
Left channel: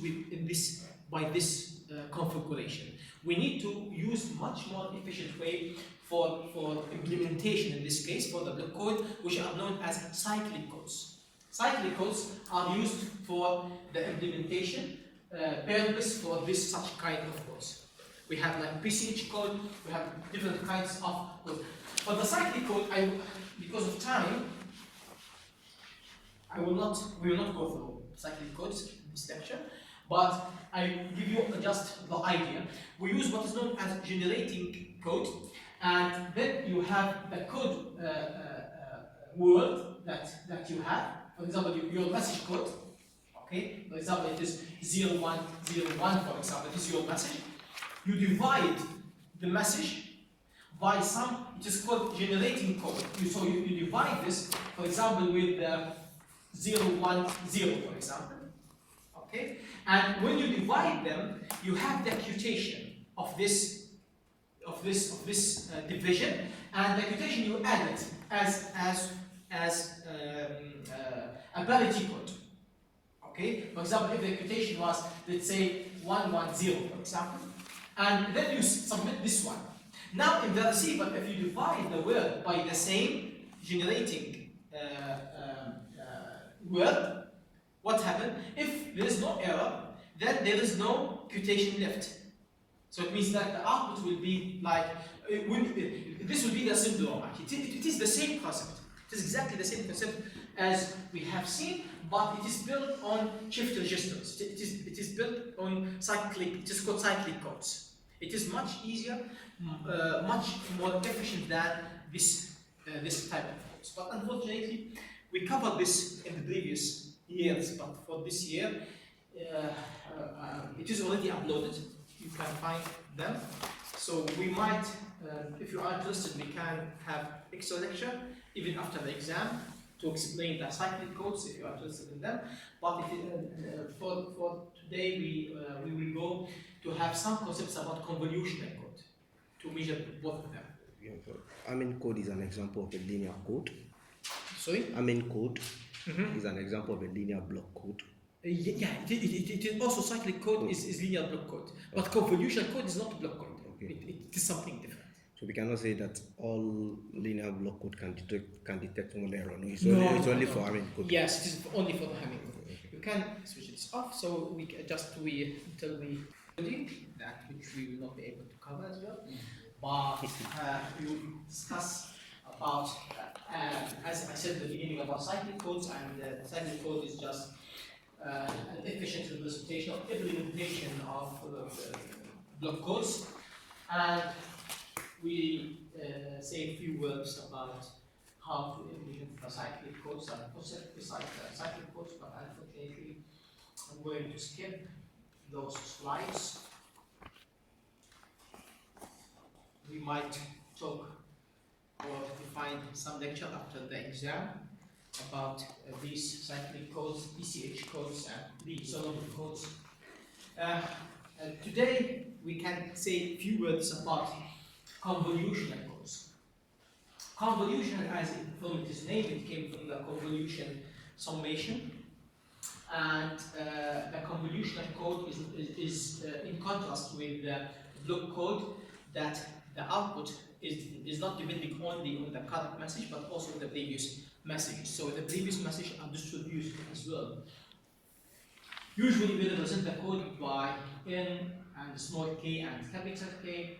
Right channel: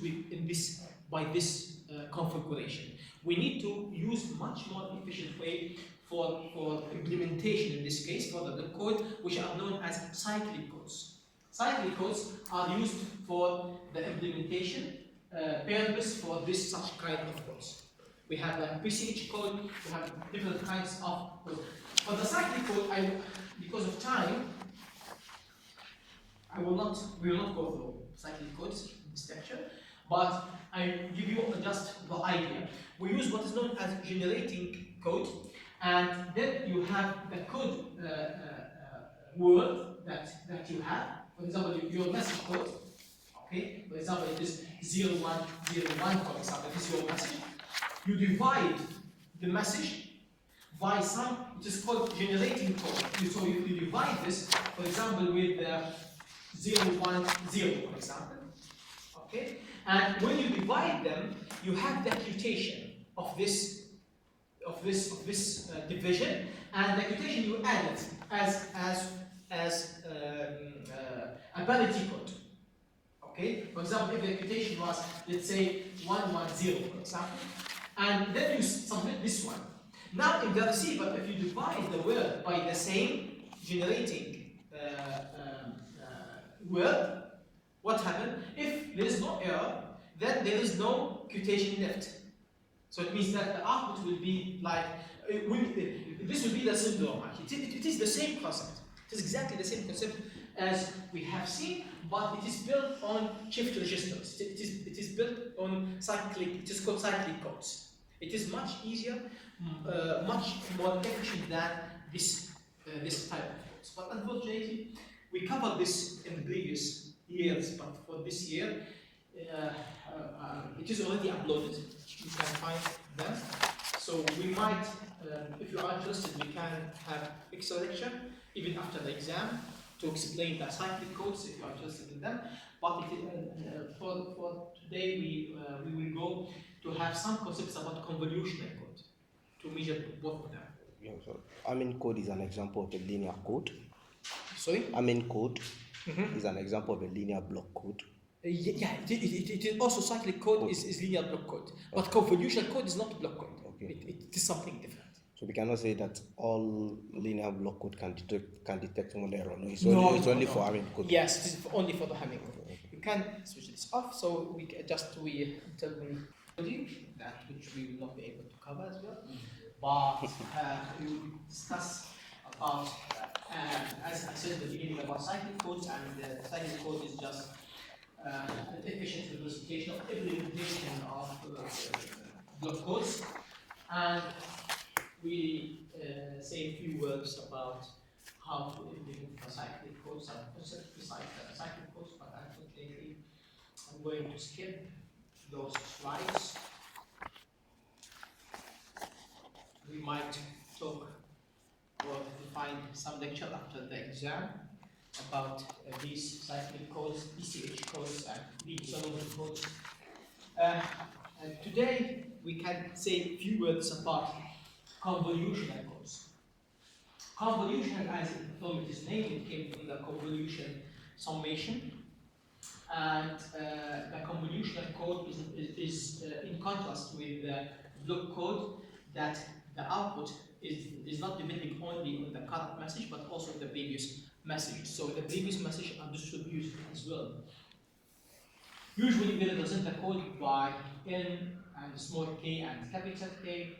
by this configuration. We need to use much more efficient way for implementation in this case, for the block code, which are known as cyclic codes. Cyclic codes are used for the implementation purpose for such kind of codes. We have like PCH code, we have different kinds of code. For the cyclic code, because of time, we will not go through cyclic codes in this lecture, but I give you just the idea. We use what is known as generating code, and then you have the code word that you have. For example, your message code. Okay, for example, it is 0101. For example, this is your message. You divide the message by some. It is called generating code. So you divide this, for example, with 010, for example. Okay, and when you divide them, you have the quotation of this division, and the quotation you add it as a parity code. Okay, for example, if the quotation was, let's say, 110, for example, and then you submit this one. Now in the receiver, if you divide the word by the same generating word, what happens? If there is no error, then there is no quotation left. So it means that the output will be like, this will be the syndrome. It is the same concept. It is exactly the same concept as we have seen, but it is built on shift registers. It is built on cyclic. It is called cyclic codes. It is much easier, much more efficient than this type of codes. But unfortunately, we covered this in the previous years. But for this year, it is already uploaded. You can find them. So we might, if you are interested, we can have extra lecture even after the exam to explain the cyclic codes if you are interested in them. But for today, we will go to have some concepts about convolutional code to measure both of them. Yeah, so Hamming code is an example of a linear code. Sorry? Hamming code is an example of a linear block code. Yeah, it is also cyclic code is linear block code, but convolutional code is not block code. Okay. It is something different. So we cannot say that all linear block code can detect one error. No, it's only for Hamming code. Yes, it is only for the Hamming code. Okay. You can switch this off, so we can just until we that which we will not be able to cover as well. But we will discuss about, as I said at the beginning, about cyclic codes, and the cyclic code is just an efficient representation of implementation of block codes. And we say a few words about how to implement the cyclic codes and concept beside the cyclic codes, but unfortunately, I'm going to skip those slides. We might talk or find some lecture after the exam about these cyclic codes, ECH codes, and the solution codes. Today, we can say a few words about convolutional codes. Convolution, as from its name, it came from the convolution summation. And the convolutional code is in contrast with the block code, that the output is not depending only on the current message, but also the previous message. So the previous message are distributed as well. Usually we represent the code by n and small k and capital K.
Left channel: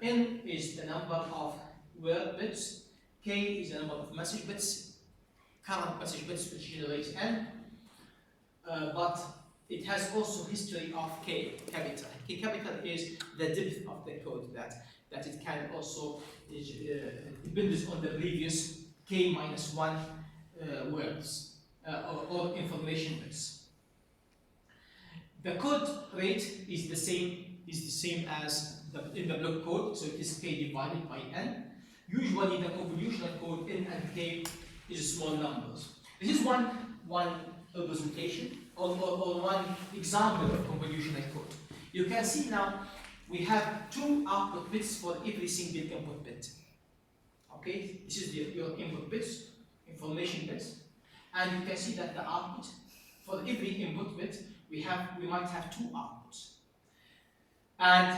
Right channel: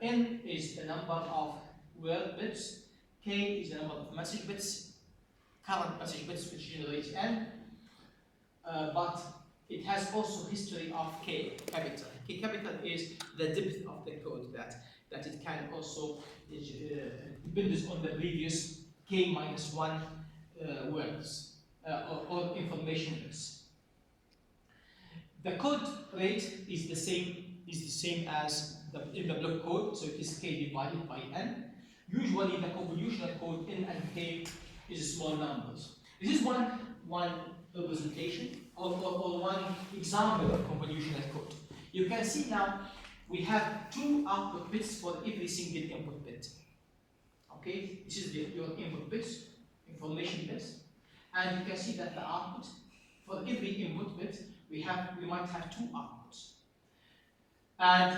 N is the number of word bits, k is the number of message bits, current message bits which generates n. But it has also history of K capital. K capital is the depth of the code that it can also depends on the previous K minus 1 words or information bits. The code rate is the same as in the block code, so it is K divided by n. Usually the convolutional code n and k is small numbers. This is one representation or one example of convolutional code. You can see now we have 2 output bits for every single input bit. Okay, this is your input bits, information bits, and you can see that the output for every input bit we might have 2 outputs, and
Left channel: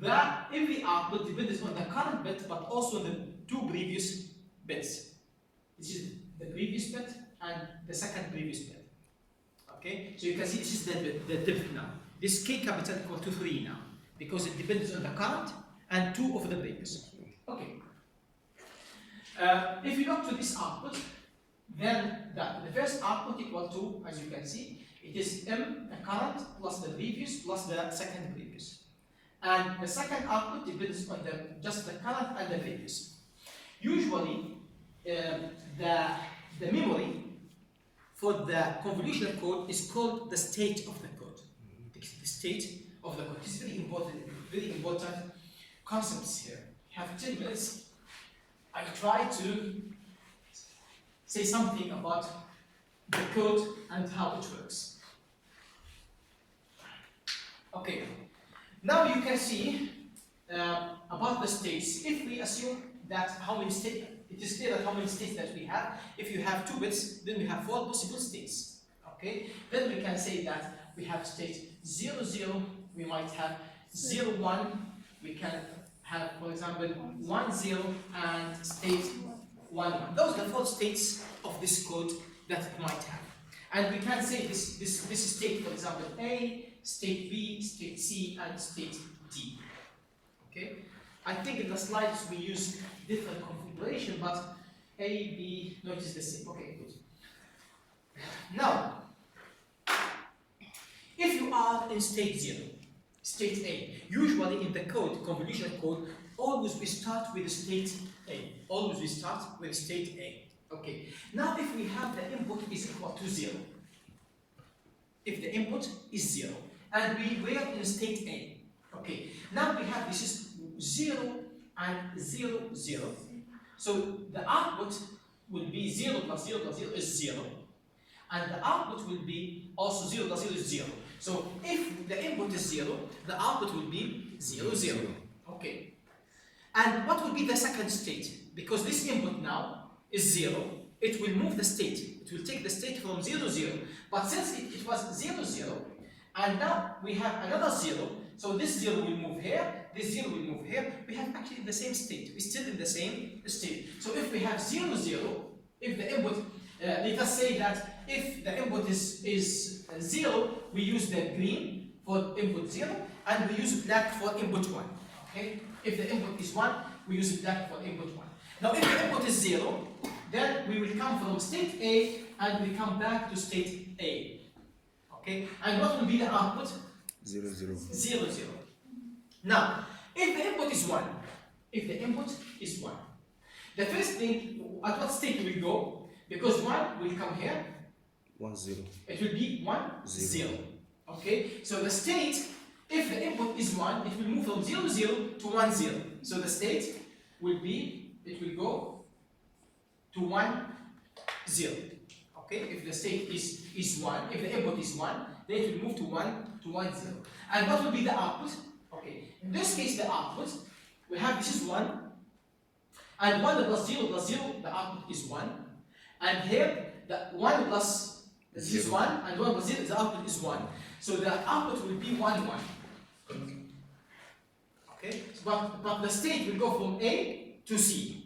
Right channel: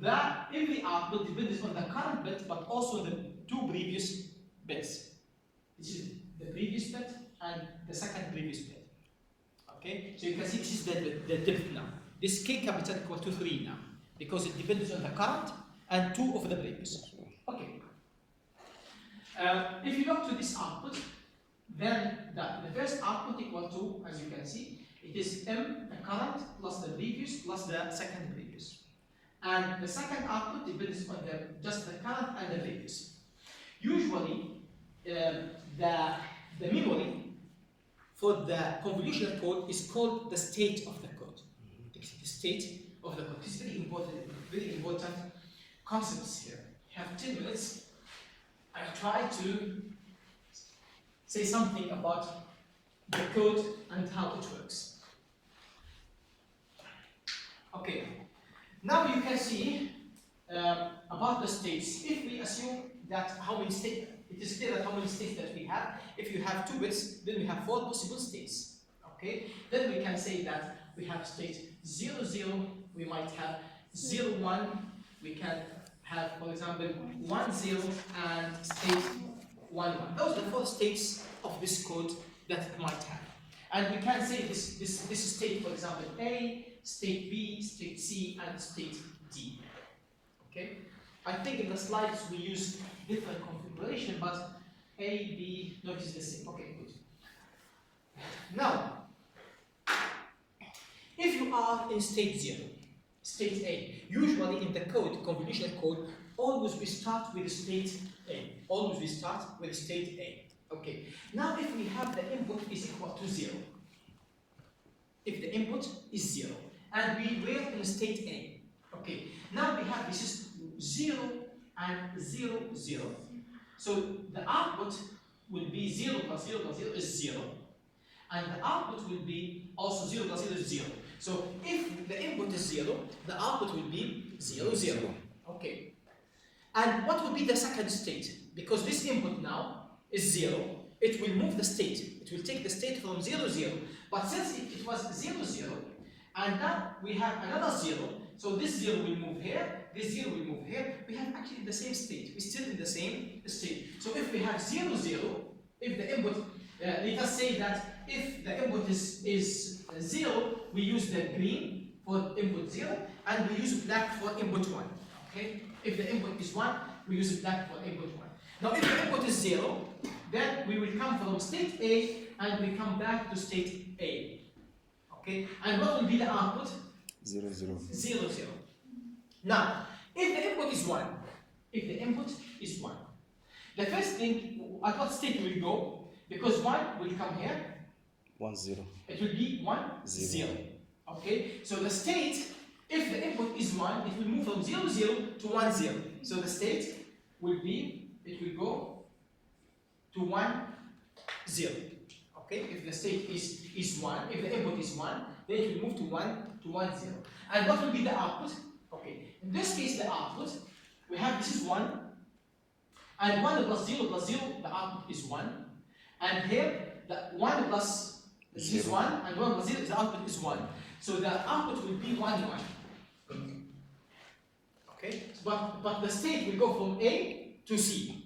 that every output depends on the current bit, but also the 2 previous bits. This is the previous bit and the second previous bit. Okay, so you can see this is the depth now. This K capital equal to 3 now, because it depends on the current and 2 of the previous. Okay. If you look to this output, then the first output equal to, as you can see, it is M, the current, plus the previous, plus the second previous. And the second output depends on just the current and the previous. Usually, the memory for the convolutional code is called the state of the code. The state of the code. This is very important concepts here. You have 10 minutes. I'll try to say something about the code and how it works. Okay, now you can see about the states. If we assume that how many states, it is clear that how many states that we have. If you have 2 bits, then we have 4 possible states. Okay, then we can say that we have state 0, 0, we might have 0, 1, we can have, for example, 1, 0, and state 1, 1. Those are the 4 states of this code that it might have. And we can say this state, for example, A, state B, state C, and state D. Okay? I think in the slides we use different configuration, but A, B, no, it is the same. Okay, good. Now, if you are in state 0, state A, usually in the code, convolutional code, always we start with state A. Always we start with state A. Okay. Now, if we have the input is equal to 0, if the input is 0, and we were in state A, okay. Now we have this is 0 and 0, 0. So the output will be 0 plus 0 plus 0 is 0. And the output will be also 0 plus 0 is 0. So if the input is 0, the output will be 0, 0. Okay. And what will be the second state? Because this input now is 0, it will move the state. It will take the state from 0, 0. But since it was 0, 0, and now we have another 0, so this 0 will move here, this 0 will move here, we have actually the same state. We're still in the same state. So if we have 0, 0, if the input, let us say that if the input is 0, we use the green for input 0, and we use black for input 1. Okay? If the input is 1, we use black for input 1. Now if the input is 0, then we will come from state A and we come back to state A. Okay? And what will be the output? 0, 0. 0, 0. Now, if the input is 1, if the input is 1, the first thing, at what state will we go? Because 1 will come here. 1, 0. It will be 1, 0. Okay? So the state, if the input is 1, it will move from 0, 0 to 1, 0. So the state will be, it will go to 1, 0. Okay? If the state is 1, if the input is 1, then it will move to 1, 0. And what will be the output? Okay. In this case, the output, we have this is 1, and 1 plus 0 plus 0, the output is 1. And here, the 1 plus this is 1, and 1 plus 0, the output is 1. So the output will be 1, 1. Okay? But the state will go from A to C.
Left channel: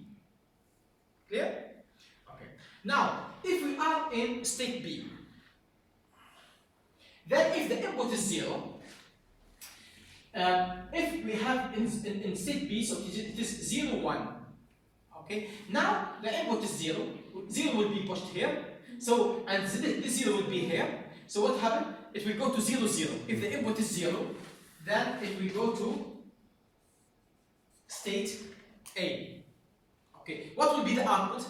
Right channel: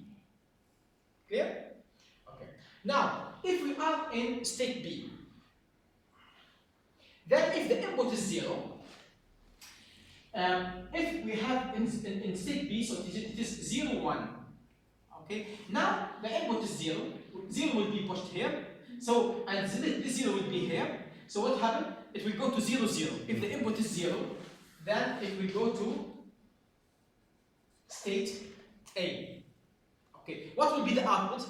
Clear? Okay. Now, if we are in state B, then if the input is 0, if we have in state B, so it is 0, 1. Okay, now the input is 0, 0 will be pushed here, so and this 0 will be here. So what happened? It will go to 0, 0. If the input is 0, then it will go to state A. Okay, what will be the output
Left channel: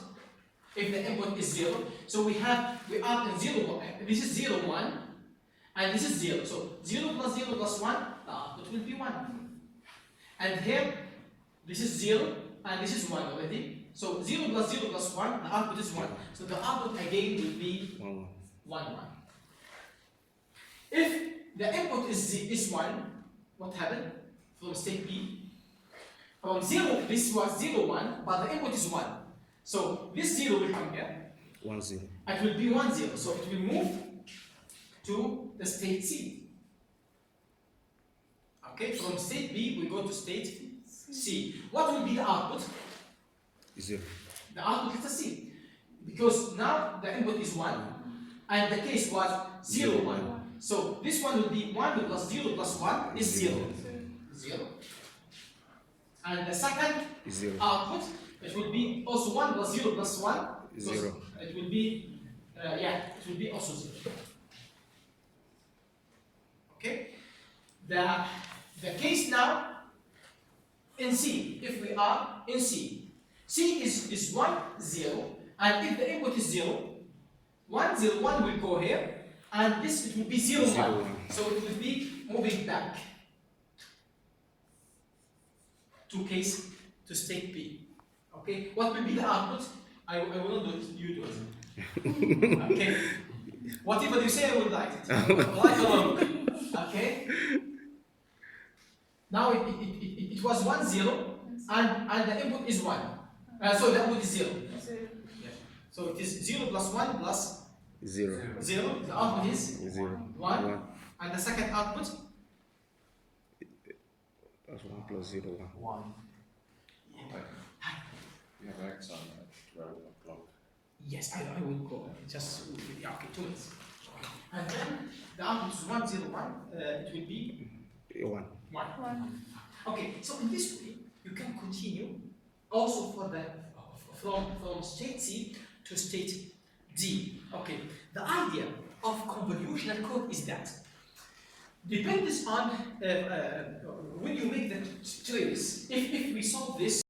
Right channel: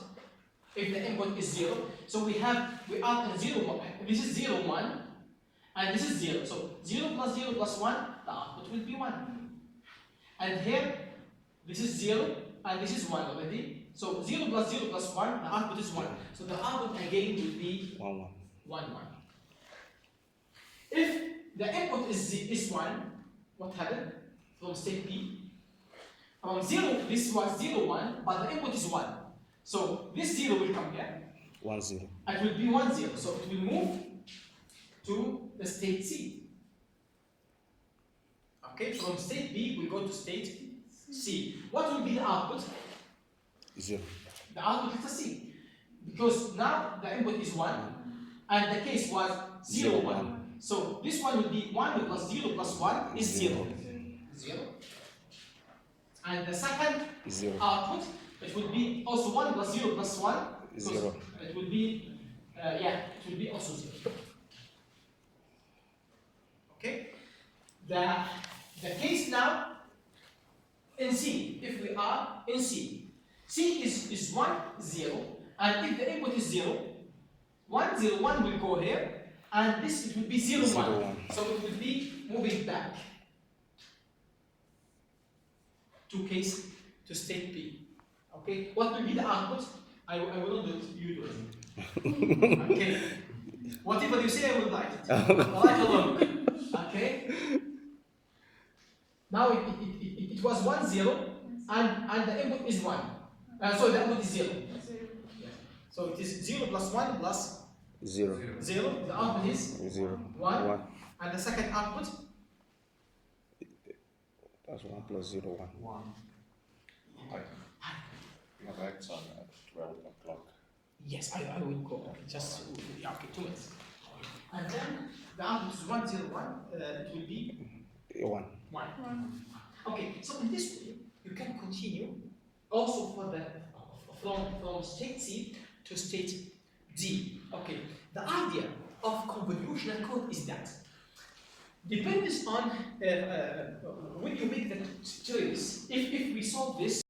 if the input is 0? So we are in 0, 1. This is 0, 1, and this is 0. So 0 plus 0 plus 1, the output will be 1. And here, this is 0, and this is 1 already. So 0 plus 0 plus 1, the output is 1. So the output again will be 1, 1. 1, 1. If the input is 1, what happened from state B? From 0, this was 0, 1, but the input is 1. So this 0 will come here. 1, 0. It will be 1, 0. So it will move to the state C. Okay, from state B, we go to state C. What will be the output? 0. The output is a C. Because now the input is 1, and the case was 0, 1. So this one will be 1 plus 0 plus 1 is 0. 0. And the second output, it will be also 1 plus 0 plus 1. 0. It will be, it will be also 0. Okay? The case now in C, if we are in C, C is 1, 0, and if the input is 0, 1, 0, 1 will go here, and this it will be 0, 1. So it will be moving back to state B. Okay, what will be the output? I will not do it, you do it. Okay, whatever you say, I will write it. I like along. Okay. Now it was 1, 0, and the input is 1. So the input is 0. Yeah. So it is 0 plus 1 plus 0. 0. The output is 0. 1. And the second output? That's 1 plus 0, 1. 1. My X on at 12 o'clock. Yes, I will go. Just, yeah, okay, 2 minutes. And then the output is 1, 0, 1. It will be 1. 1. Okay, so in this way, you can continue also for the from state C to state D. Okay, the idea of convolutional code is that depends on when you make the trace. If we solve this